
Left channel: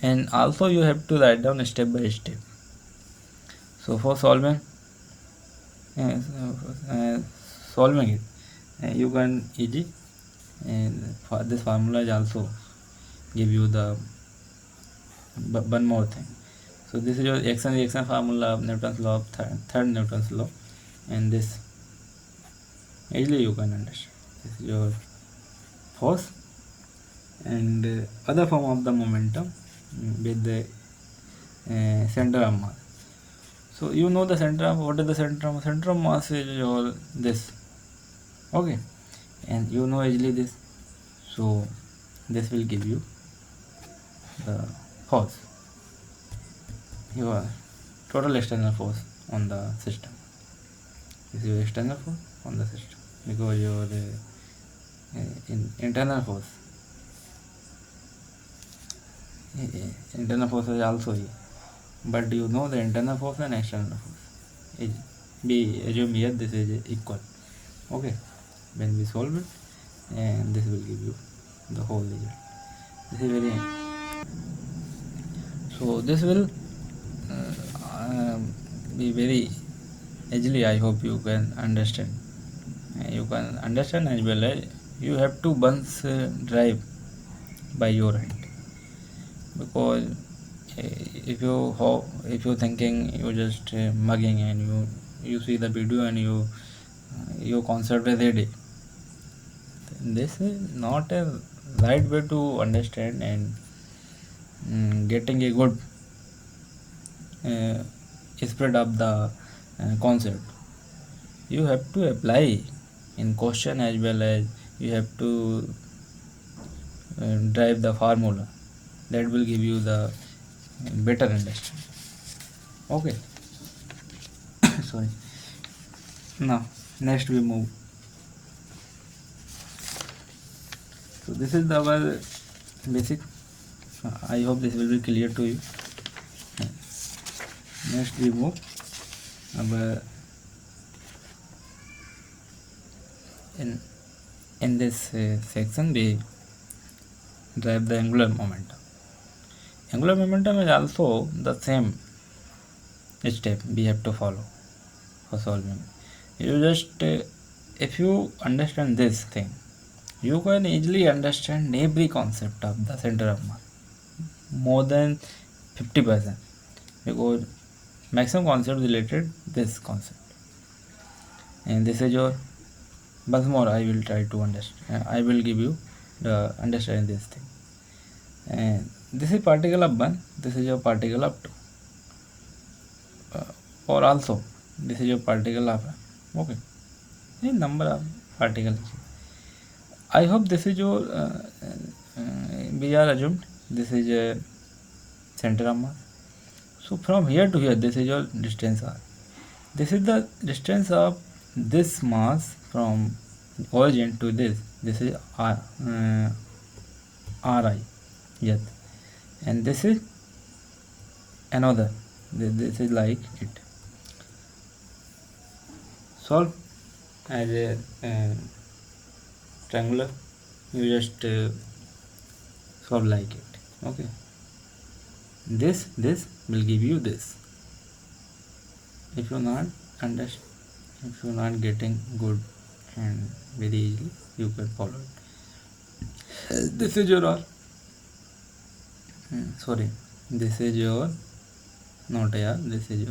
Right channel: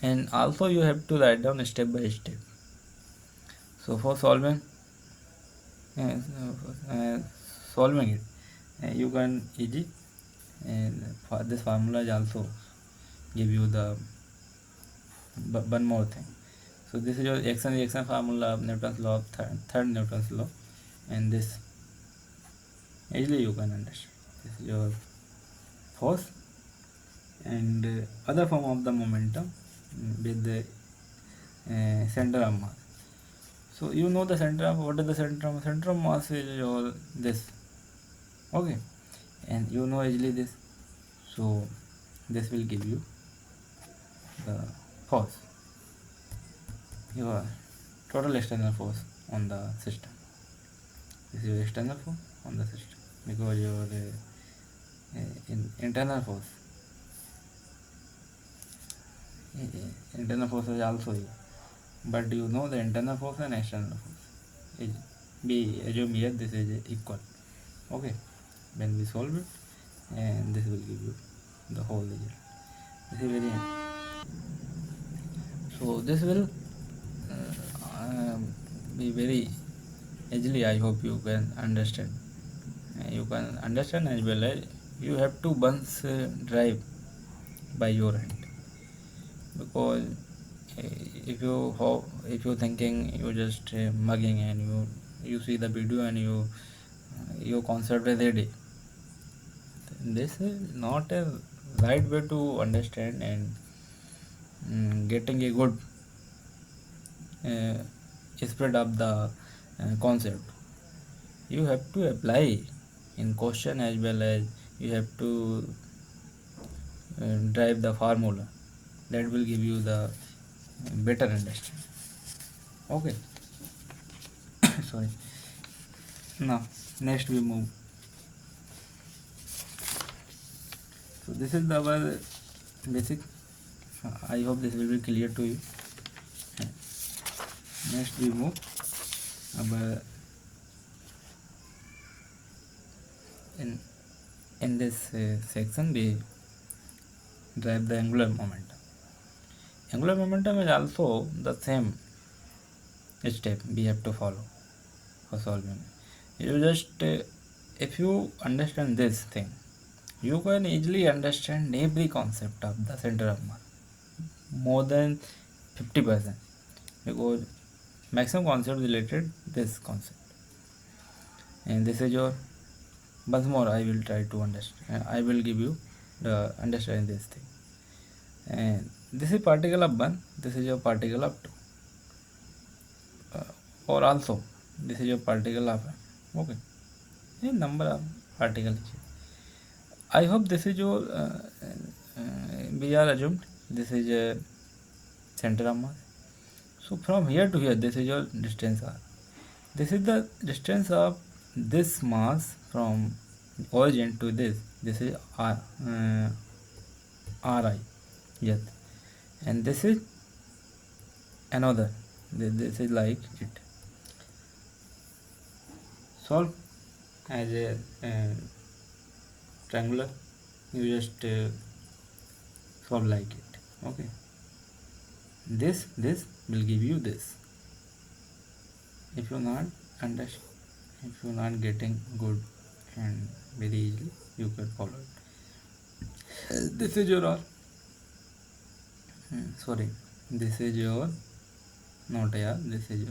and also you have to write down step by step. So for solving uh, uh, solving it, you can easy, and for this formula is also give you the one more thing. So this is your action reaction formula of Newton's law, of third Newton's law, and this easily you can understand. This is your force and other form of the momentum with the center of mass. So you know the center of, what is the center of? Center of mass is your this. Okay, and you know easily this. So this will give you the force, your total external force on the system. This is your external force on the system, because your internal force, internal force is also here, but you know the internal force and external force is, be assume here this is equal. Okay, when we solve it, and this will give you the whole result. This is very, so this will be very easily. I hope you can understand. You can understand as well as you have to once drive by your hand, because if you thinking you just mugging and you see the video and you concept a ready, this is not a right way to understand and getting a good spread of the concept. You have to apply in question as well as you have to drive the formula, that will give you the better understanding. Okay. Sorry. Now next we move. So this is our basic. I hope this will be clear to you. Next we move our in this section we drive the angular momentum. Angular momentum is also the same step we have to follow for solving. You just if you understand this thing, you can easily understand every concept of the center of mass, more than 50%, because maximum concept related this concept. And this is your, once more I will try to understand, I will give you the understanding this thing. And this is particle of 1, this is your particle of 2, or also this is your particle of, okay, the number of particles. I hope this is your we are assumed this is a center of mass. So from here to here, this is your distance r. This is the distance of this mass from origin to this. This is r, ri, yes, and this is another. This is like it. Solve as a triangular. You just solve like it. Okay. This will give you this. If you're not understand, if you're not getting good and very easily, you can follow it. This is your R. Sorry, this is your not a R. This is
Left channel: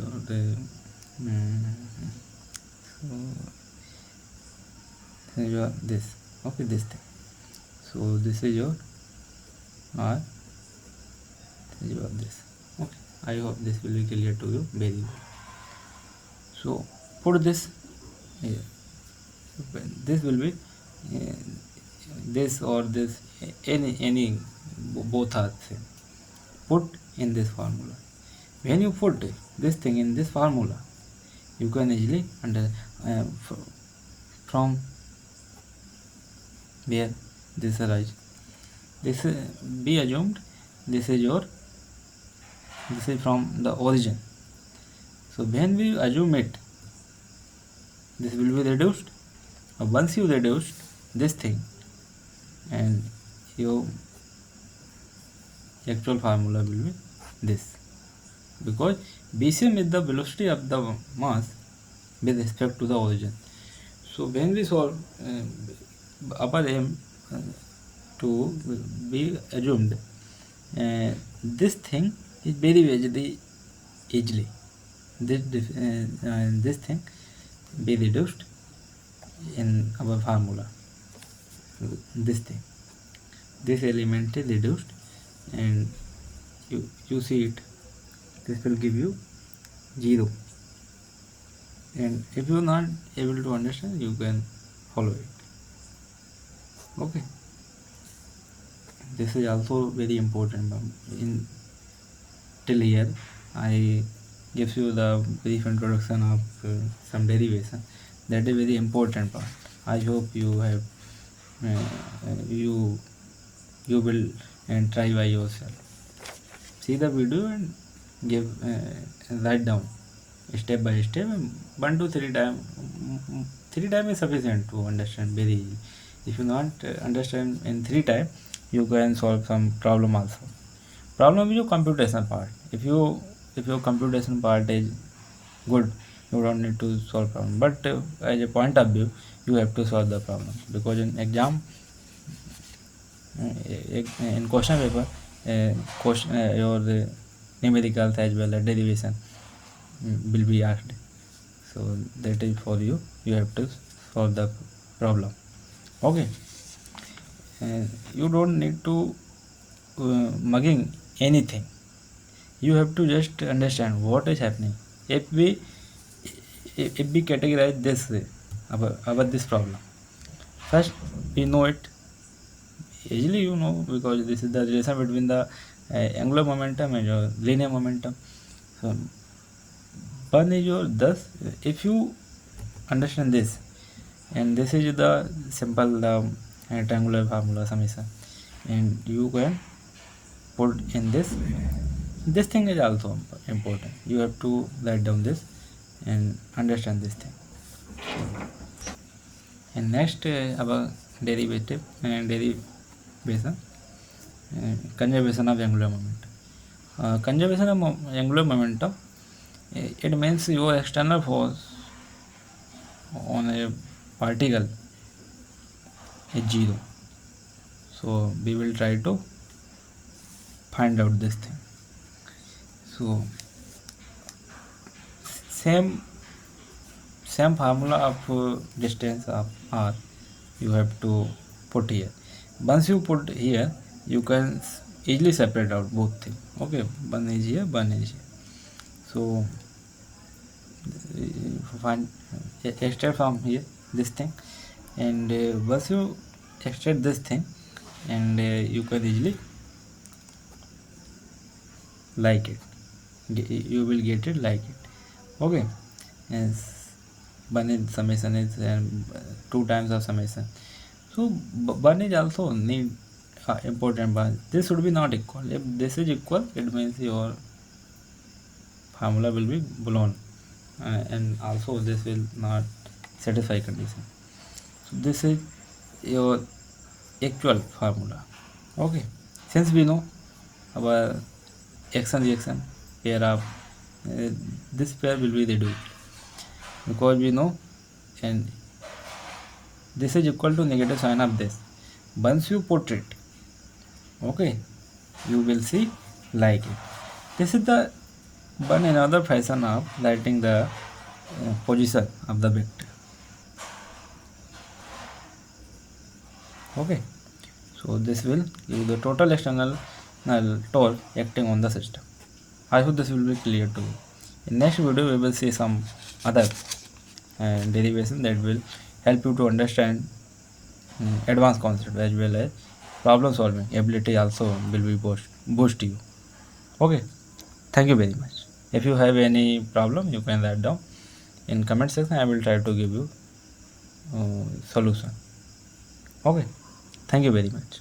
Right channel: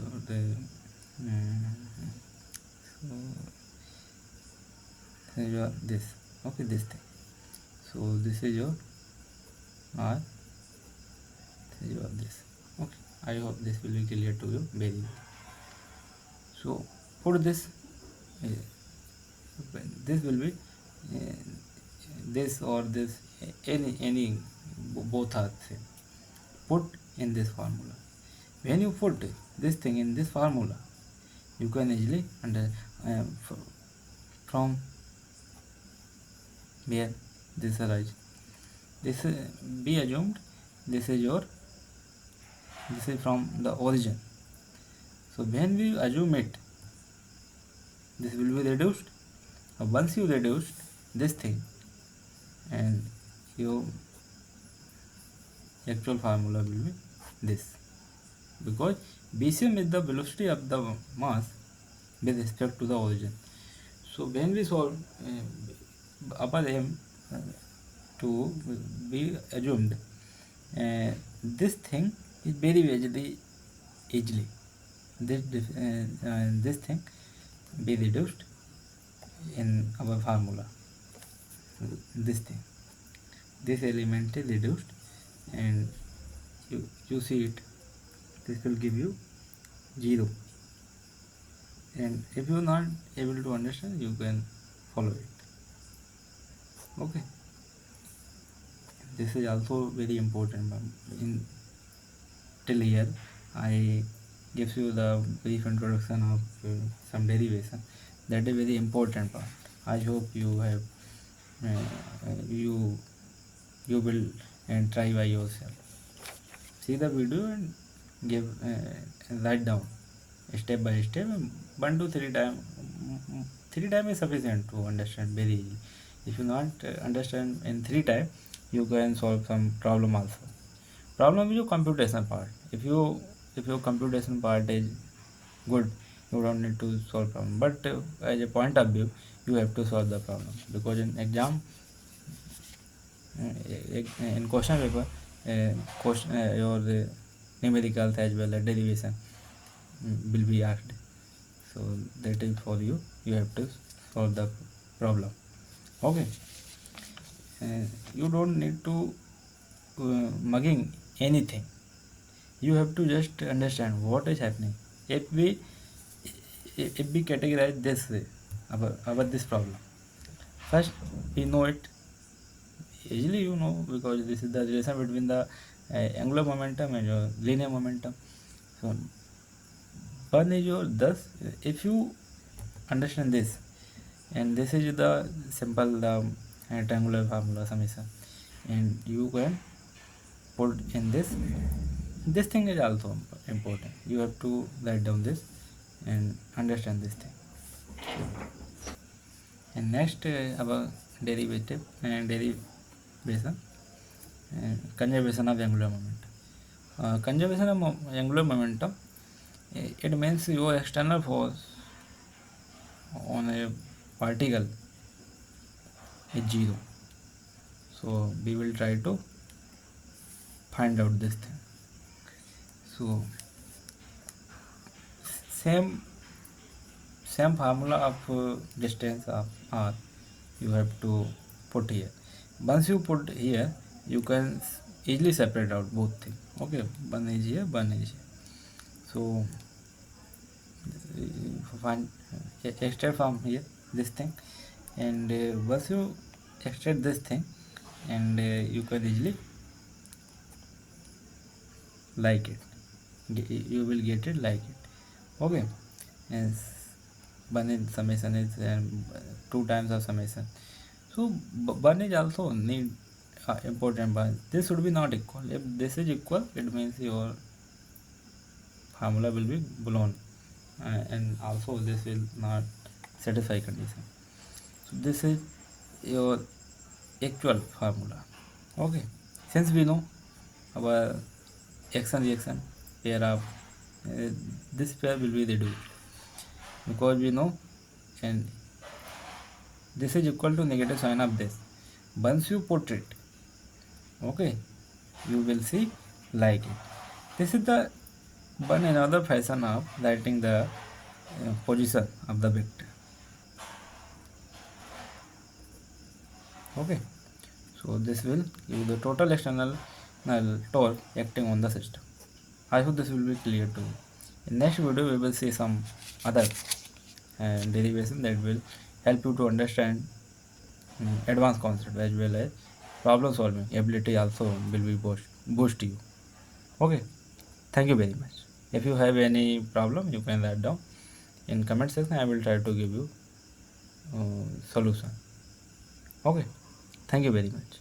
your this. Okay, this thing. So this is your R, this is your this. Okay, I hope this will be clear to you very well. So put this here. This will be this or this, any both are same. Put in this formula. When you put this thing in this formula, you can easily from where this arise. This be assumed this is from the origin. So when we assume it, this will be reduced. Once you reduce this thing, and your actual formula will be this, because BCM is the velocity of the mass with respect to the origin. So when we solve upper m to be assumed, this thing is very easily this thing be reduced in our formula. This thing, this element is reduced, and you see it, this will give you 0. And if you are not able to understand, you can follow it. Okay, this is also very important. In till here I give you the brief introduction of some derivation. That is very important part. I hope you have you will and try by yourself. See the video and give write down step by step, 1 to 3 times. 3 times is sufficient to understand very easy. If you not understand in 3 times, you can solve some problem also. Problem is your computation part. If your computation part is good, you don't need to solve problem. But as a point of view, you have to solve the problem, because in exam, in question paper, your numericals as well as derivation will be asked. So that is for you. You have to solve the problem. Okay. You don't need to mugging anything. You have to just understand what is happening. If we categorize this way about this problem, first we know it easily, you know, because this is the relation between the angular momentum and your linear momentum. So one is your thus, if you understand this, and this is the simple triangular formula summation, and you can put in this thing is also important. You have to write down this and understand this thing. And next about derivation, conservation of angular momentum. Conservation of angular momentum, it means your external force on a particle is 0. So we will try to find out this thing. So same formula of distance of r you have to put here. Once you put here, you can easily separate out both things. Okay, one is here, one is here. So find extract from here this thing, and once you extract this thing, and you can easily like it, you will get it like it. Okay, yes, one is summation is 2 times of summation. So one is also need important one. This should be not equal. If this is equal, it means your formula will be blown, and also this will not satisfy condition. So this is your actual formula. Okay, since we know our action reaction pair of this pair will be reduced, because we know, and this is equal to negative sign of this. Once you put it, okay, you will see like it. This is the one another fashion of writing the position of the vector. Okay, so this will give the total external torque acting on the system. I hope this will be clear to you. In next video we will see some other derivation that will help you to understand advanced concept as well as problem solving ability also will be boost you. Okay, thank you very much. If you have any problem you can write down in comment section. I will try to give you solution. Okay, thank you very much.